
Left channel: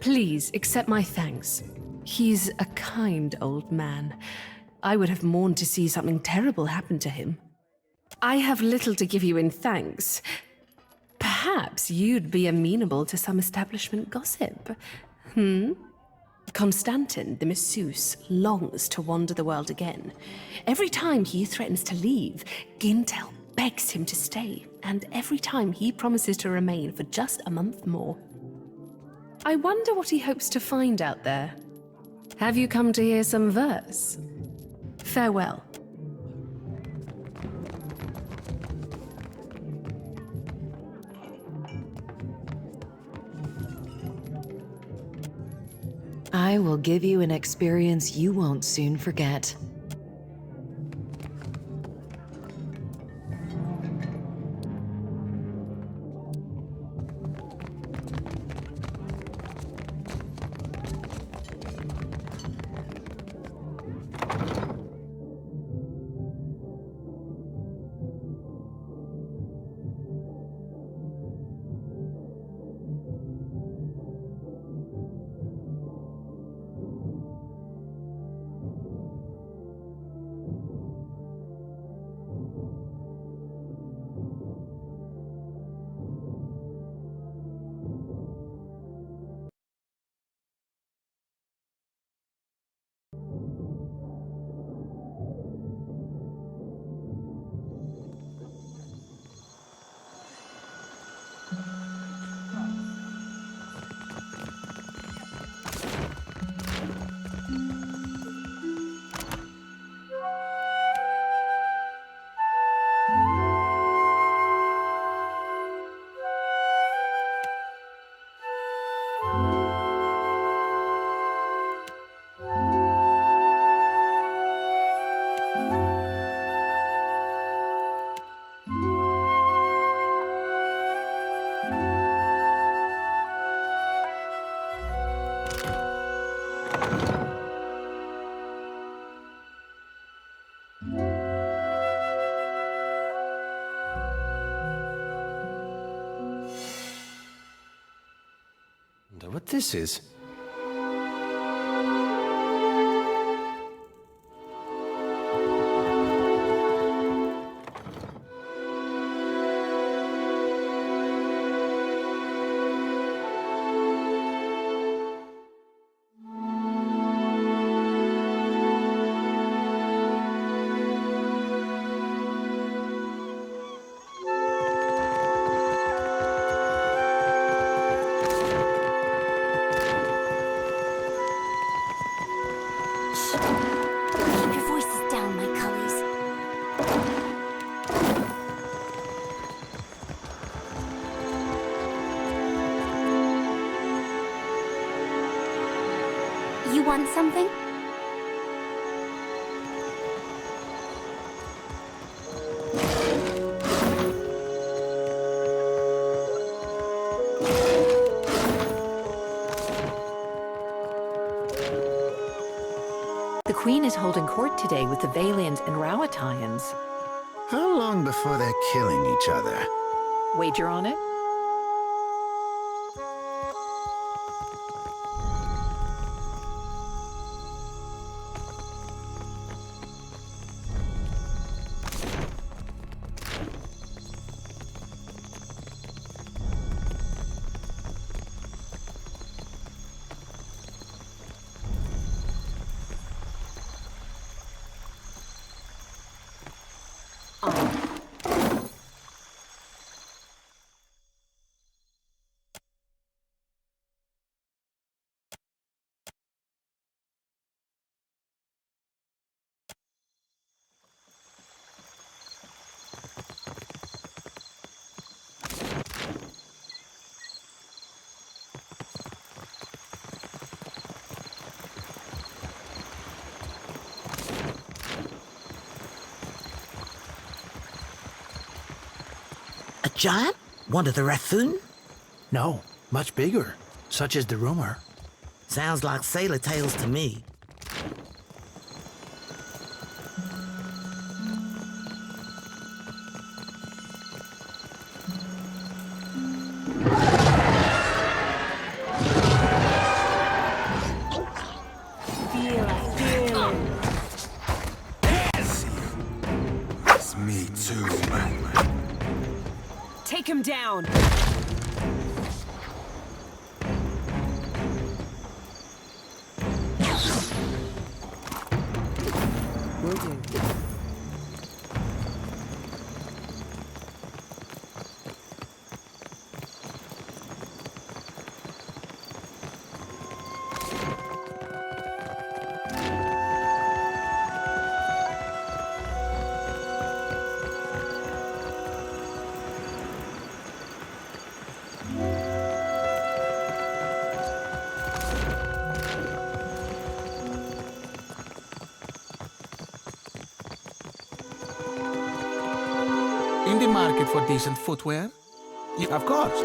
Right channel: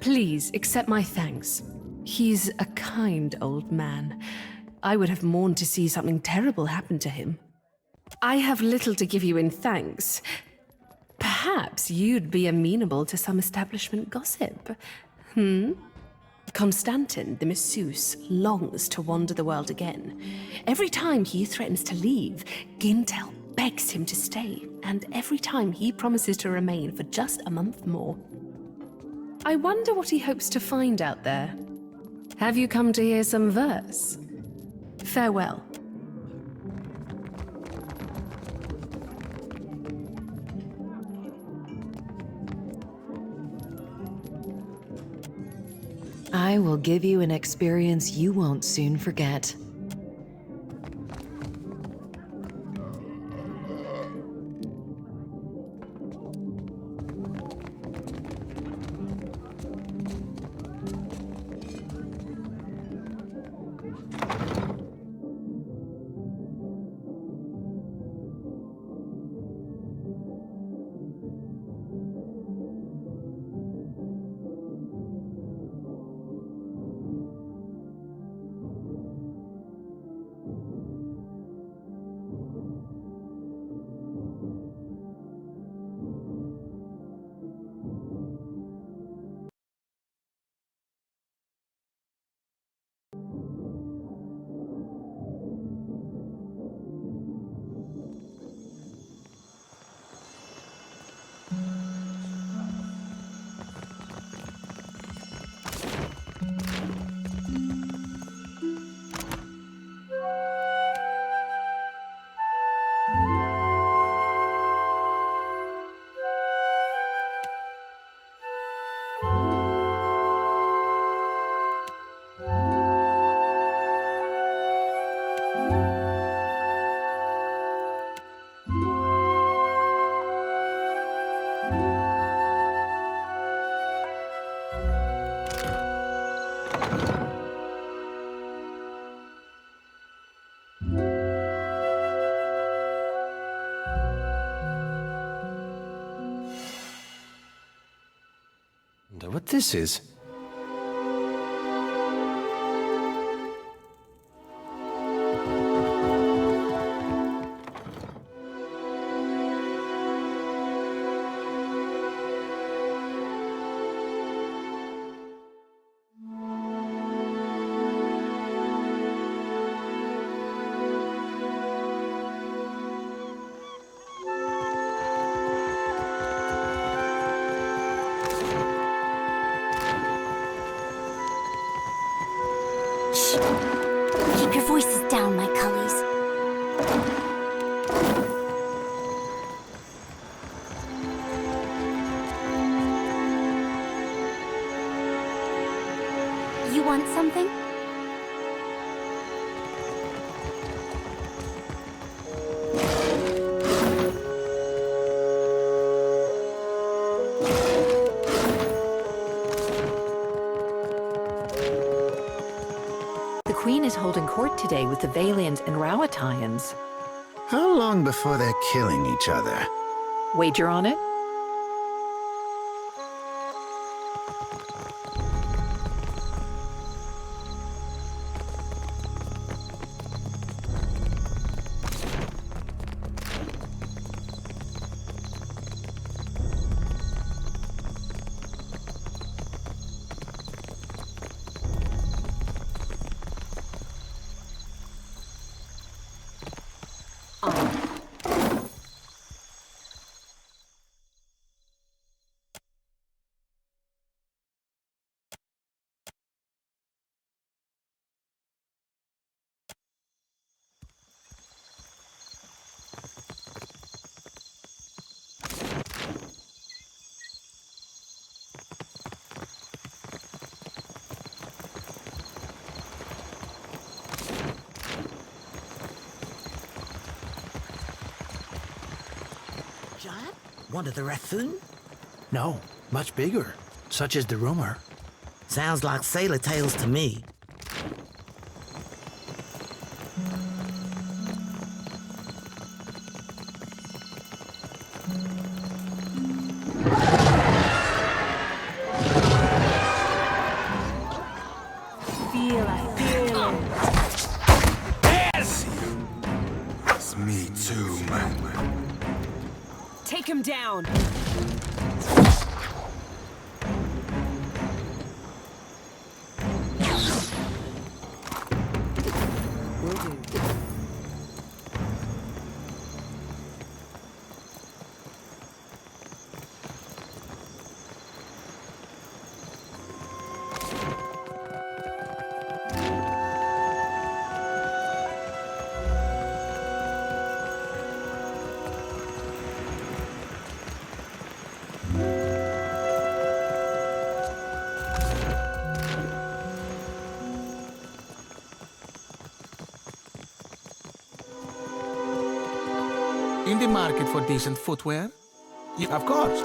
Please accept my thanks. He's a kind old man. I would have mourned to see something terrible happen to him. I have little to give you in thanks. Perhaps you'd be amenable to some establishment gossip. Constantin, the masseuse, longs to wander the world again. Every time he threatens to leave, Gintel begs him to stay, and every time he promises to remain for just a month more. I wonder what he hopes to find out there. Have you come to hear some verse? Farewell. I will give you an experience you won't soon forget. what this is. Keep your voices down, my cullies. You want something? The Queen is holding court today with the Valiant and Rowattians. How long before they're killing each other? Wager on it? A giant? One of the Rathoon? No, much bigger. Such is the rumor. Sounds like sailor tales to me. Feel a feeling. Yes! It's me too, man. Take him down. Will do. In the market for decent footwear? Yeah, of course.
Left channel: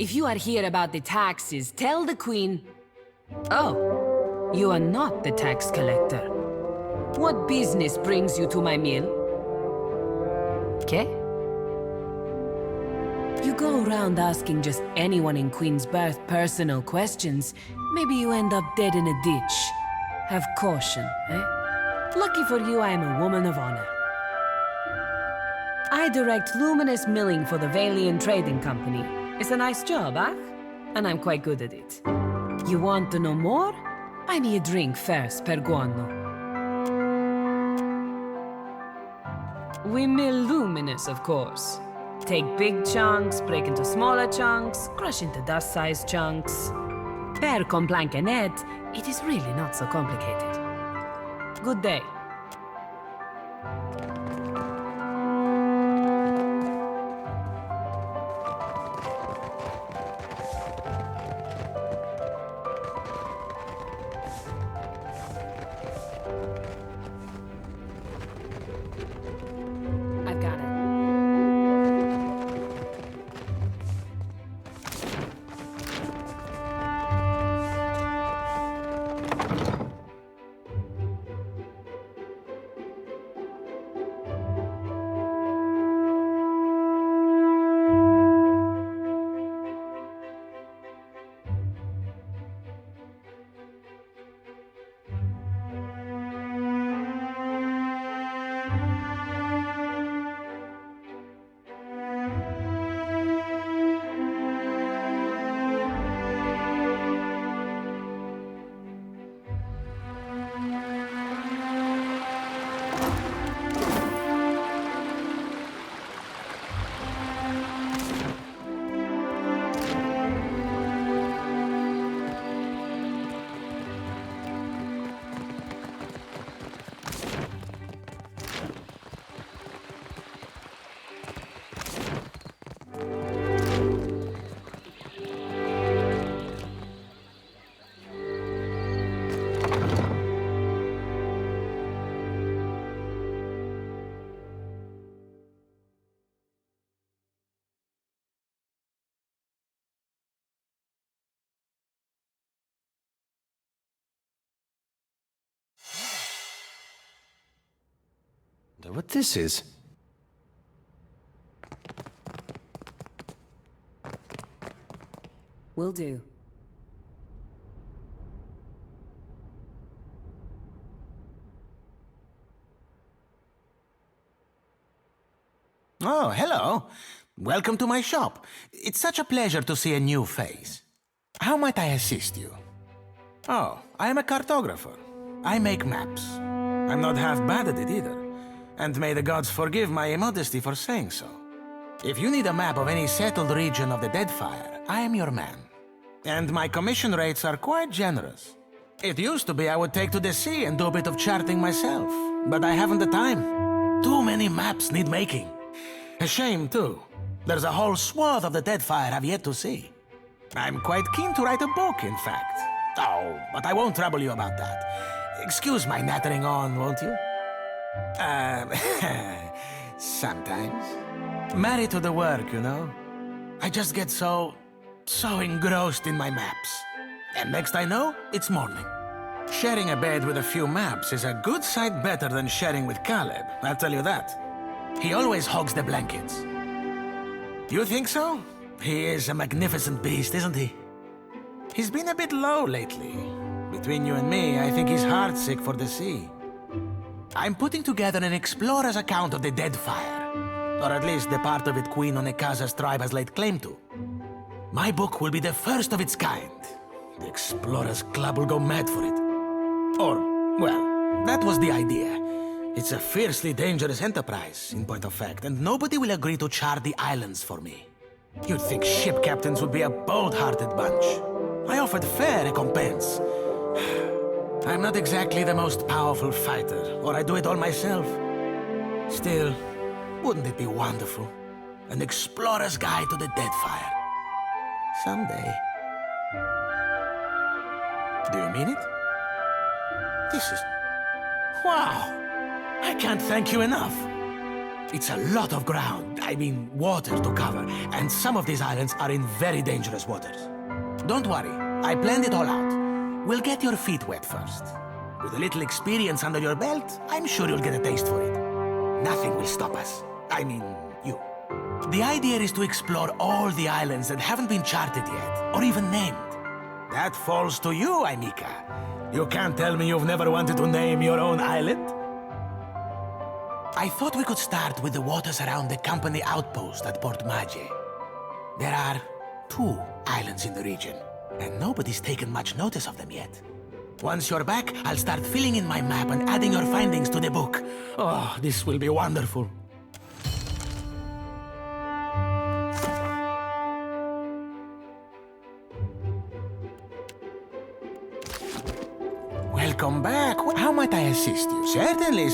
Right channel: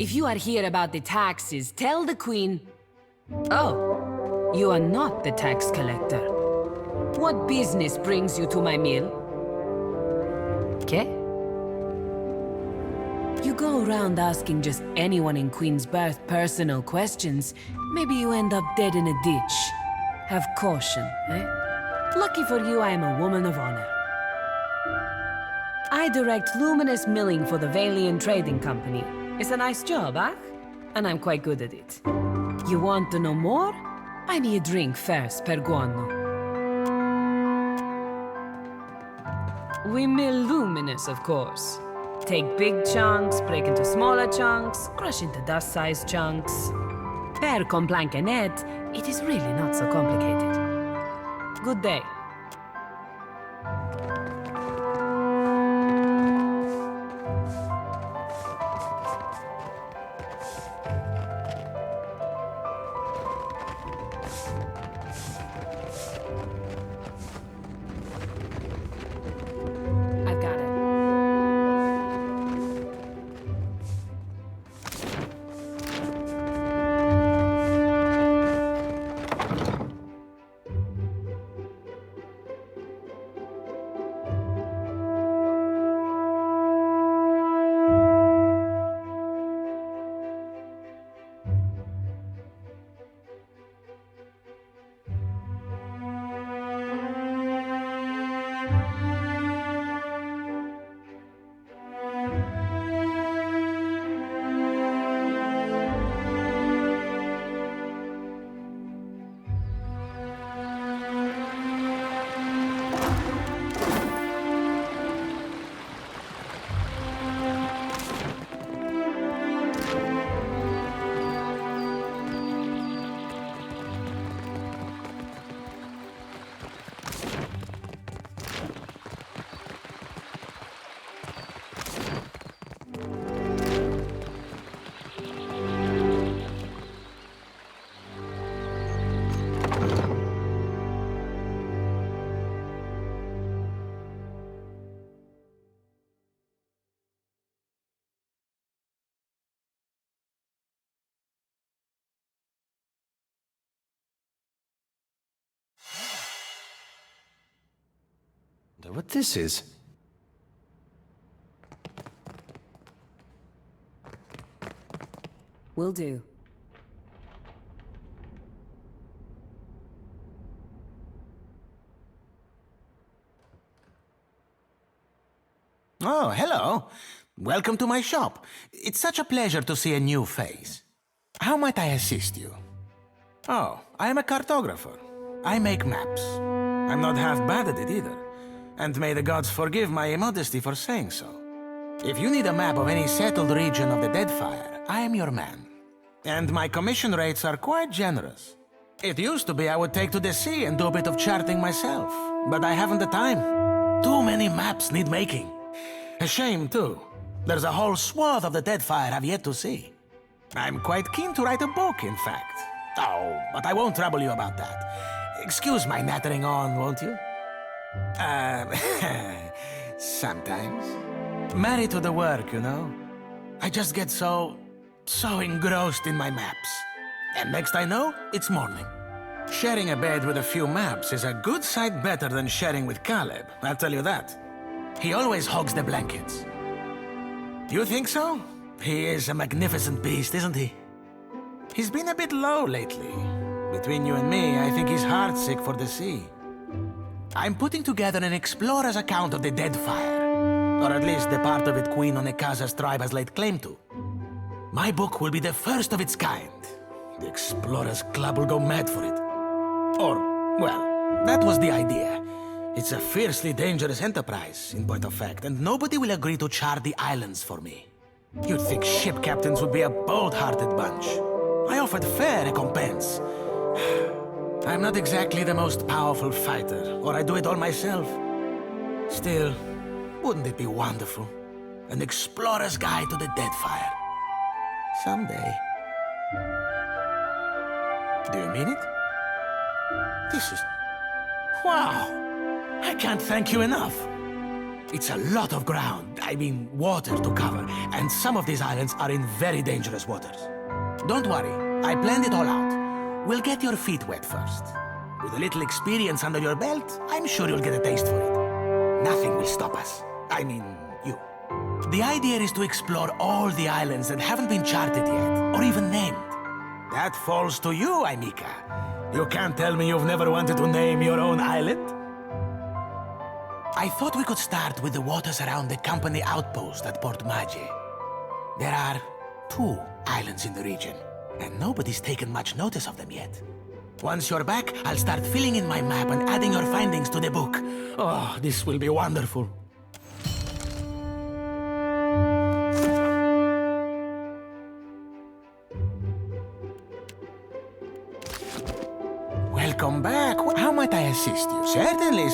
If you are here about the taxes, tell the Queen... Oh, you are not the tax collector. What business brings you to my mill? Okay? You go around asking just anyone in Queensbirth personal questions, maybe you end up dead in a ditch. Have caution, eh? Lucky for you, I am a woman of honor. I direct luminous milling for the Valian Trading Company. It's a nice job, huh? And I'm quite good at it. You want to know more? Buy me a drink first, per guano. We mill luminous, of course. Take big chunks, break into smaller chunks, crush into dust-sized chunks. Per complankenet, it is really not so complicated. Good day. I've got it. Wonder what this is. Will do. Oh, hello. Welcome to my shop. It's such a pleasure to see a new face. How might I assist you? Oh, I am a cartographer. I make maps. I'm not half bad at it either. And may the gods forgive my immodesty for saying so. If you need a map of any settled region of the Deadfire, I am your man. And my commission rates are quite generous. It used to be I would take to the sea and do a bit of charting myself, but I haven't the time. Too many maps need making. A shame, too. There's a whole swath of the Deadfire I've yet to see. I'm quite keen to write a book, in fact. Oh, but I won't trouble you about that. Excuse my nattering on, won't you? Sometimes. Married to the work, you know? I just get so engrossed in my maps. And next I know, it's morning. Sharing a bed with a few maps is a good sight better than sharing with Caleb, I'll tell you that. He always hogs the blankets. You think so? He is a magnificent beast, isn't he? He's been a bit low lately. Between you and me, I think he's heartsick for the sea. I'm putting together an explorer's account of the Deadfire. Or at least the part of it Queen Onekaza's tribe has laid claim to. My book will be the first of its kind. The Explorers Club will go mad for it. Or, well, that was the idea. It's a fiercely dangerous enterprise, in point of fact, and nobody will agree to chart the islands for me. You'd think ship captains would be a bold-hearted bunch. I offered fair recompense. I'm not exactly the most powerful fighter, or I do it all myself. Still, wouldn't it be wonderful? An explorer's guide to the Deadfire. Someday. Do you mean it? This is... wow! I can't thank you enough. It's a lot of ground, I mean water to cover, and some of these islands are in very dangerous waters. Don't worry, I planned it all out. We'll get your feet wet first. With a little experience under your belt, I'm sure you'll get a taste for it. Nothing will stop us. I mean, you. The idea is to explore all the islands that haven't been charted yet, or even named. That falls to you, Aimika. You can't tell me you've never wanted to name your own island? I thought we could start with the waters around the company outpost at Port Magi. There are 2 islands in the region, and nobody's taken much notice of them yet. Once you're back, I'll start filling in my map and adding your findings to the book. Oh, this will be wonderful. Welcome back. How might I assist you? Certainly.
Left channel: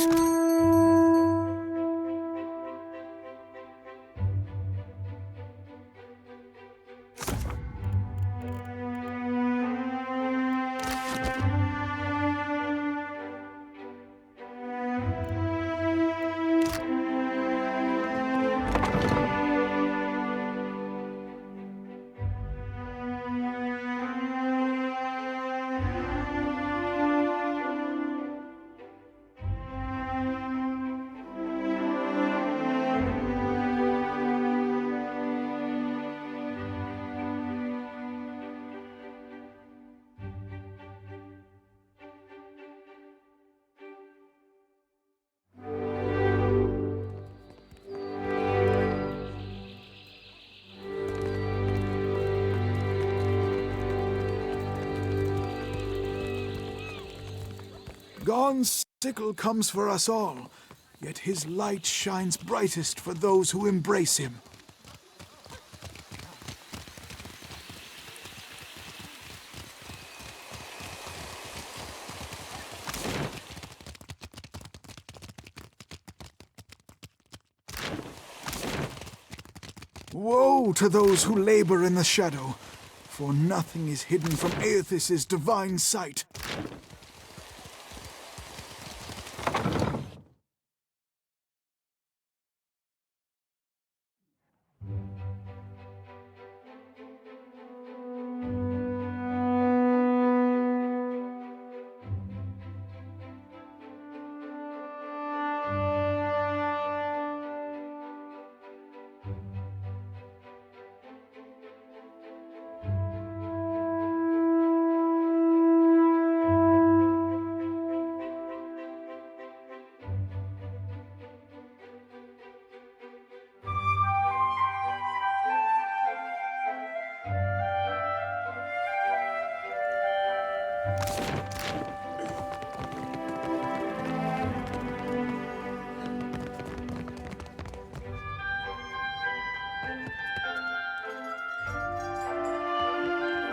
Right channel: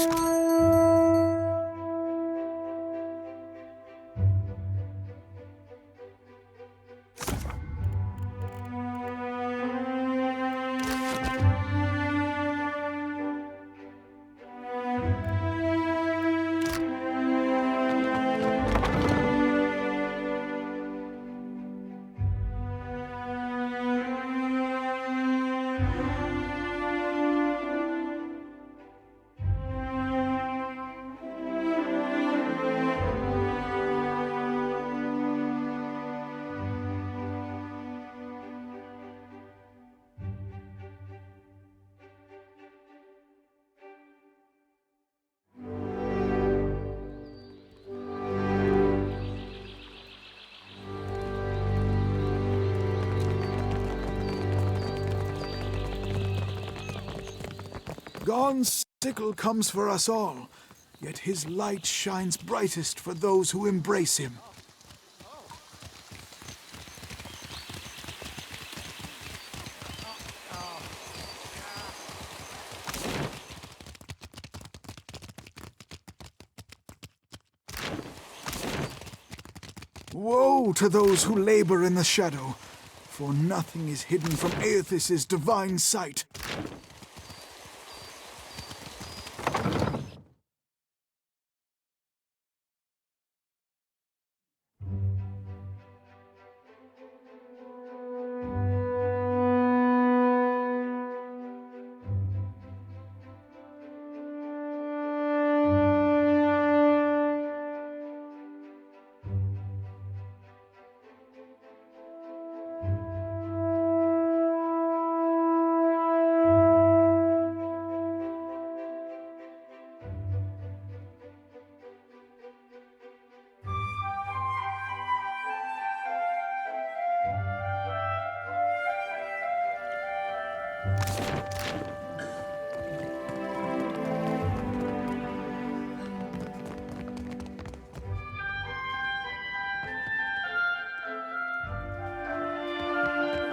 God's sickle comes for us all, yet his light shines brightest for those who embrace him. Woe to those who labor in the shadow, for nothing is hidden from Aethys' divine sight.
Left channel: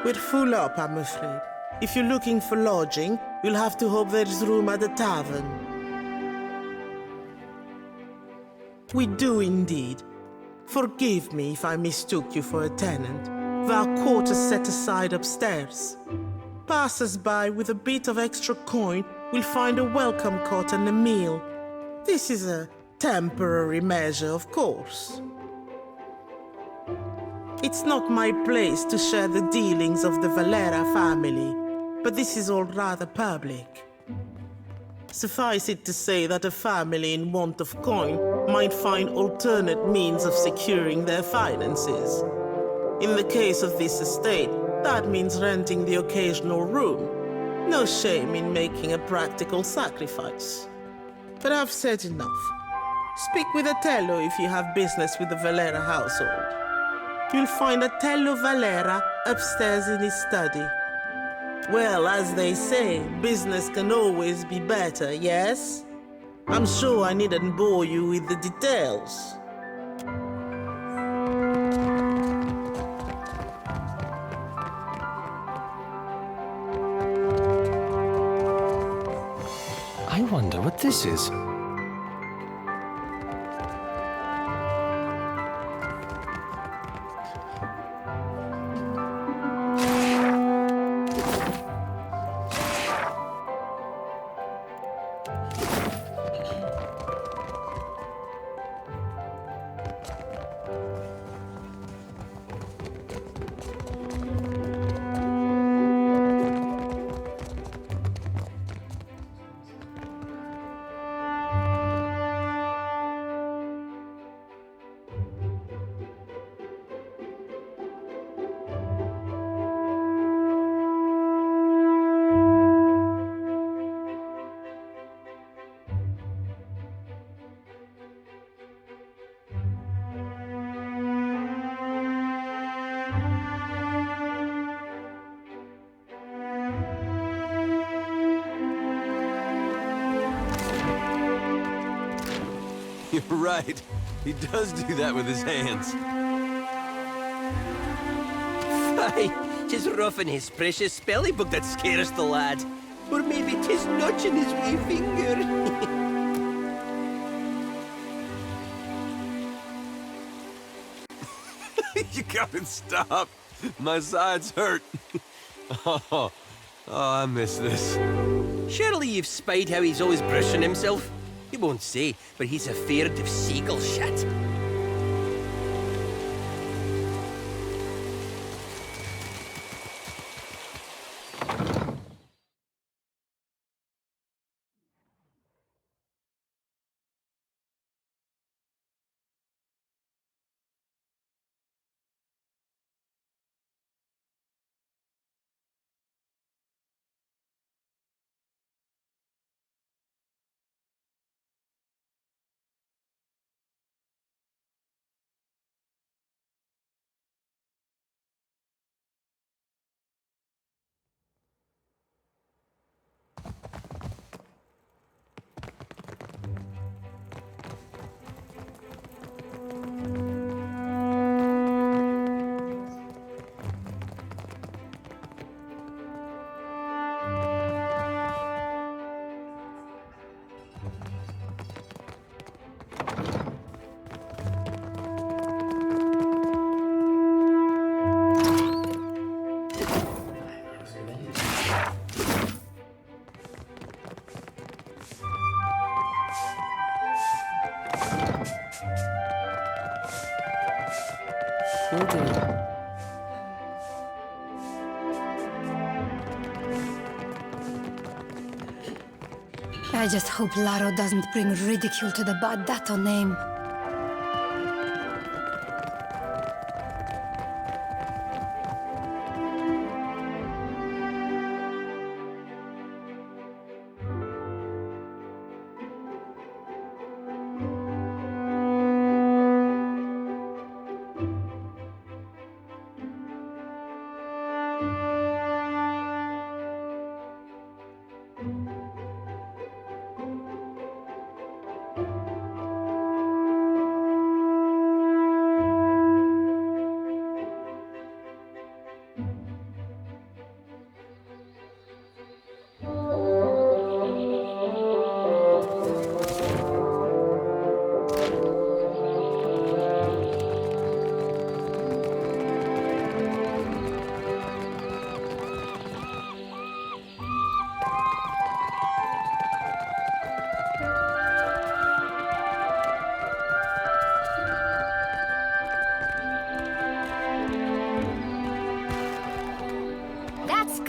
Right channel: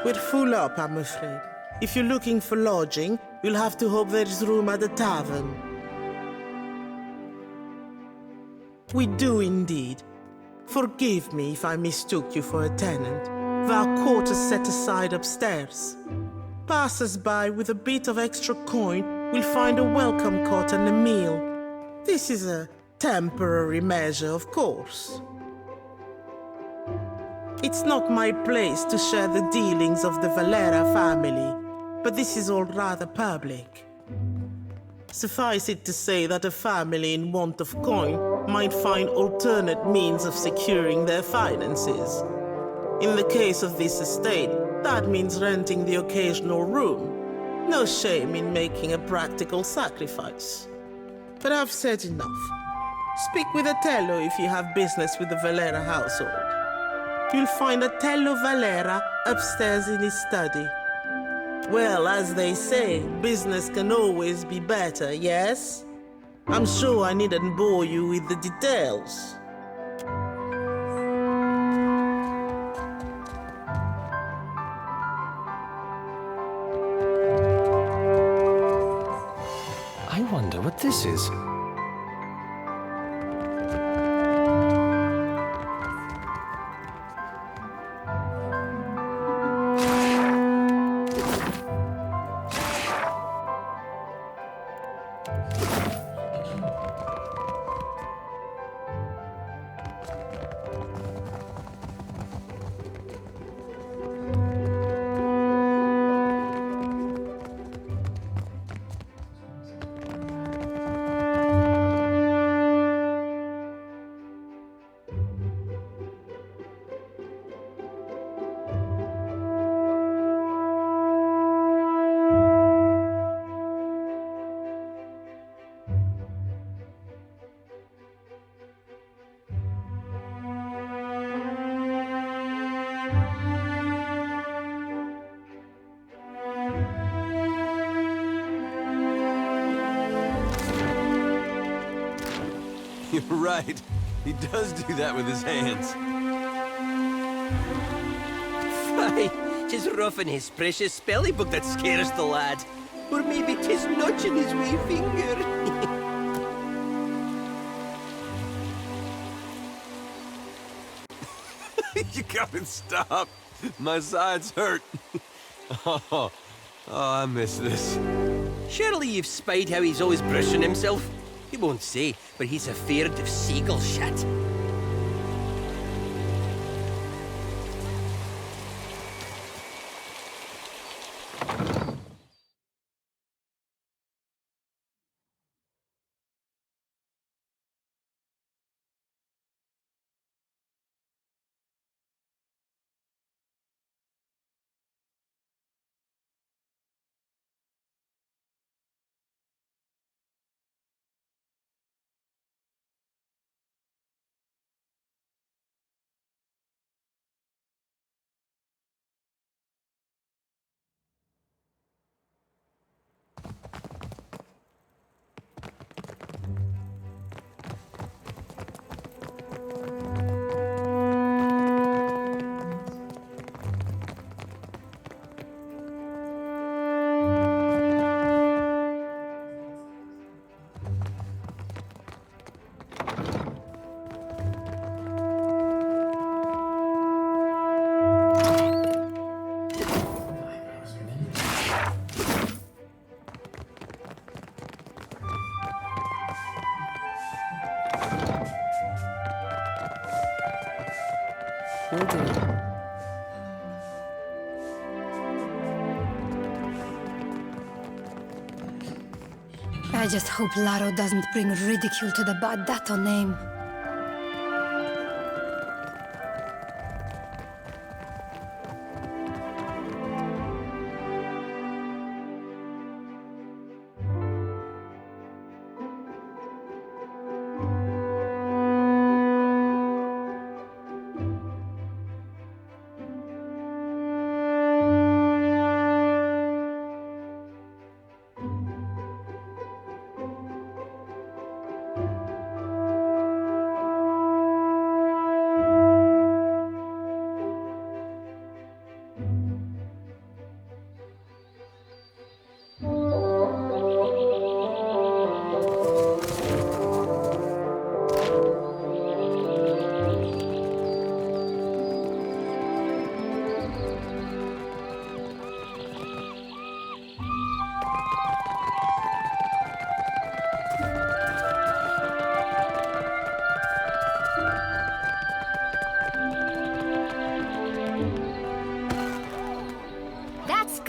We're full up, I'm afraid. If you're looking for lodging, you'll have to hope there's room at the tavern. We do indeed. Forgive me if I mistook you for a tenant. There are quarters set aside upstairs. Passers-by with a bit of extra coin will find a welcome cot and a meal. This is a temporary measure, of course. It's not my place to share the dealings of the Valera family, but this is all rather public. Suffice it to say that a family in want of coin might find alternate means of securing their finances. In the case of this estate, that means renting the occasional room. No shame in making a practical sacrifice. But I've said enough. Speak with Otello if you have business with the Valera household. You'll find Otello Valera upstairs in his study. Well, as they say, business can always be better, yes? I'm sure I needn't bore you with the details. I wonder what this is. You're right. He does do that with his hands. Aye, 'tis roughing his precious spelly book that scares the lad. Or maybe 'tis nudging his wee finger. You gotta stop. My sides hurt. Oh, I miss this. Surely you've spied how he's always brushing himself. He won't say, but he's afeard of seagull shit. Will do. I just hope Laro doesn't bring ridicule to the Badato name.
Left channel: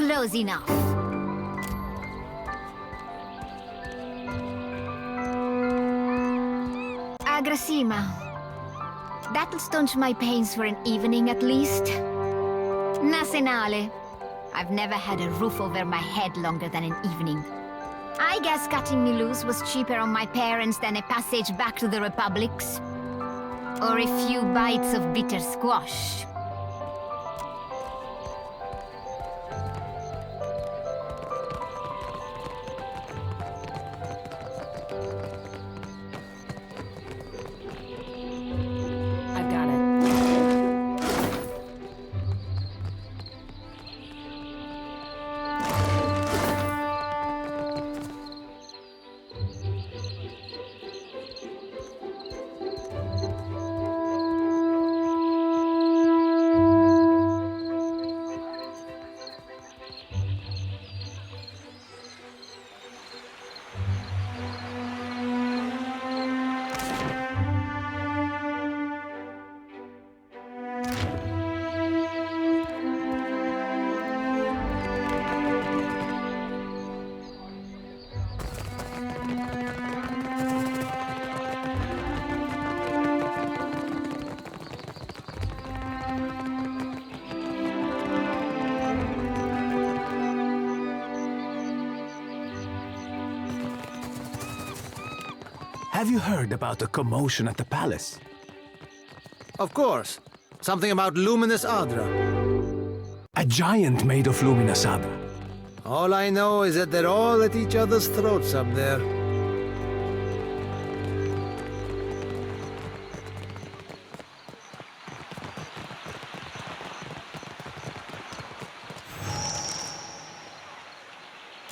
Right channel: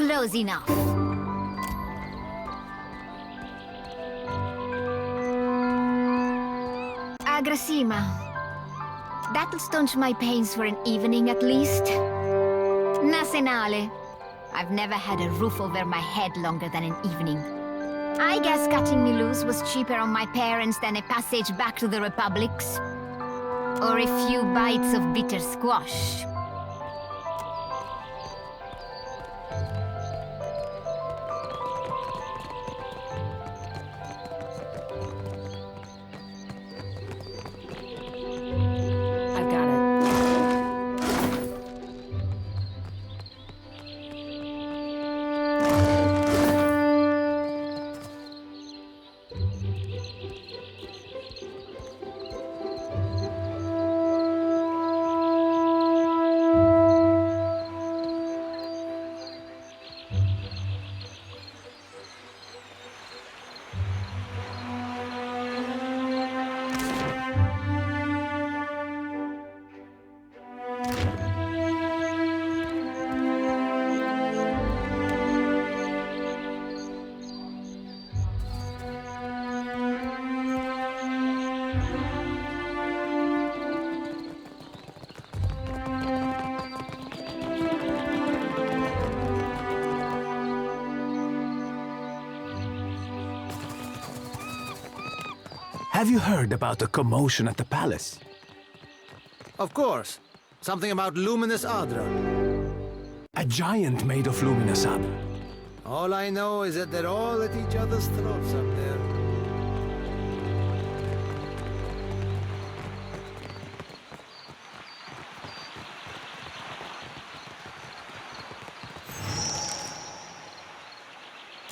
Close enough. Agrasima. That'll staunch my pains for an evening at least. Nasenale. I've never had a roof over my head longer than an evening. I guess cutting me loose was cheaper on my parents than a passage back to the Republics. Or a few bites of bitter squash. I've got it. Have you heard about the commotion at the palace? Of course. Something about luminous Adra. A giant made of luminous Adra. All I know is that they're all at each other's throats up there.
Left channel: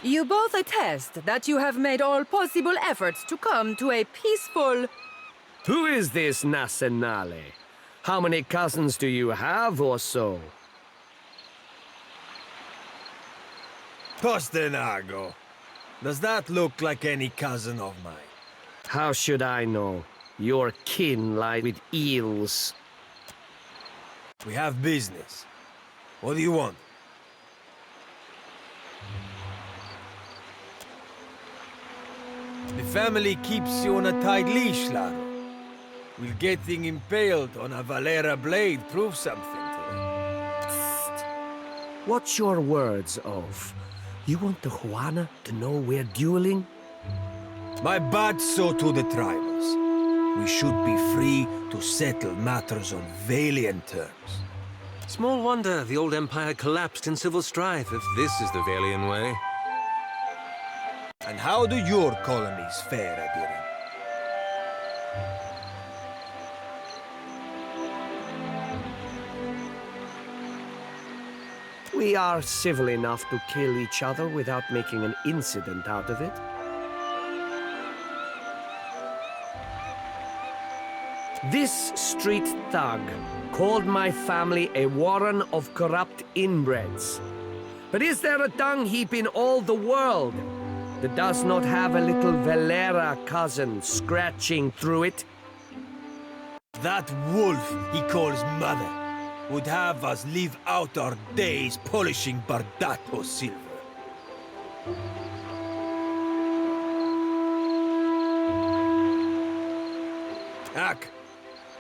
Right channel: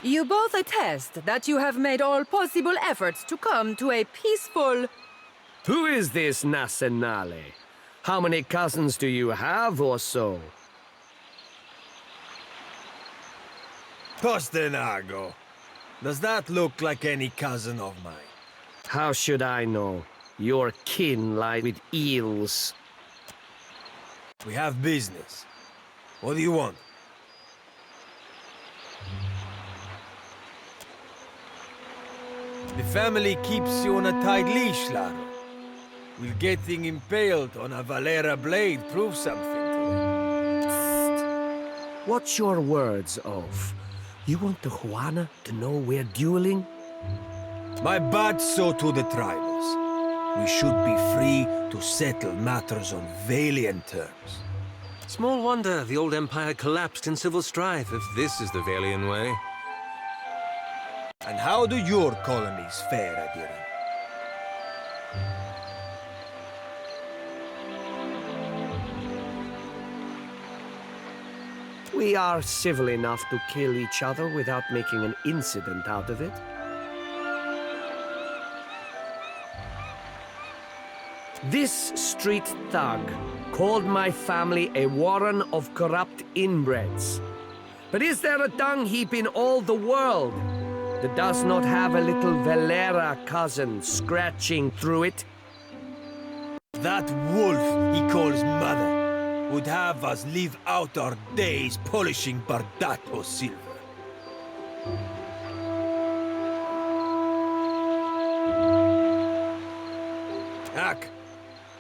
You both attest that you have made all possible efforts to come to a peaceful... Who is this Nasenale? How many cousins do you have or so? Postenago. Does that look like any cousin of mine? How should I know? Your kin lie with eels. We have business. What do you want? The family keeps you on a tight leash, Laro. Will getting impaled on a Valera blade prove something to them? Psst. What's your words of? You want the Juana to know we're dueling? My bad so to the tribals. We should be free to settle matters on Valiant terms. Small wonder the old empire collapsed in civil strife if this is the Valian way. And how do your colonies fare, Adiran? We are civil enough to kill each other without making an incident out of it. This street thug called my family a warren of corrupt inbreds. But is there a dung heap in all the world that does not have a little Valera cousin scratching through it? That wolf he calls mother would have us live out our days polishing Bardato silver. Ak,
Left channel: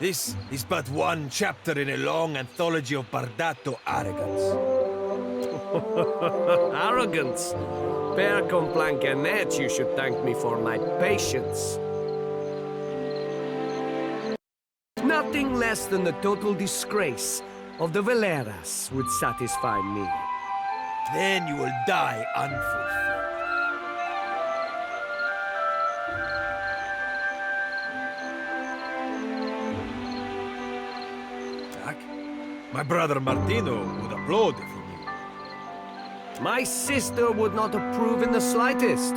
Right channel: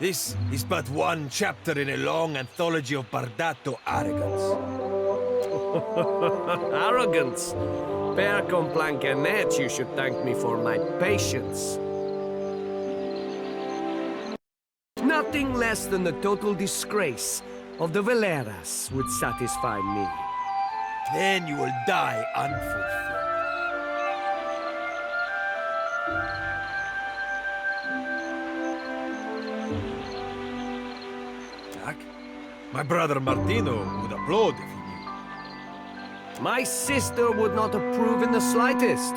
this is but one chapter in a long anthology of Bardato arrogance. Arrogance? Per complancanet, you should thank me for my patience. Nothing less than the total disgrace of the Valeras would satisfy me. Then you will die unfulfilled. Jack, my brother Martino would applaud if he knew. My sister would not approve in the slightest,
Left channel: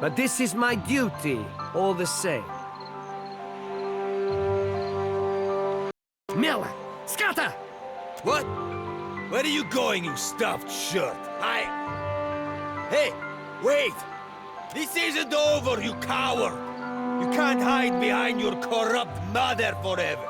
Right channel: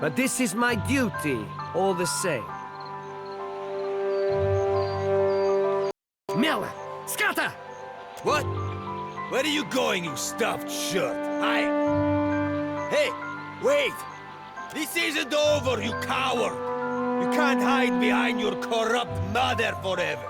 but this is my duty all the same. Miller! Scatter! What? Where are you going, you stuffed shirt? Hey, wait! This isn't over, you coward! You can't hide behind your corrupt mother forever!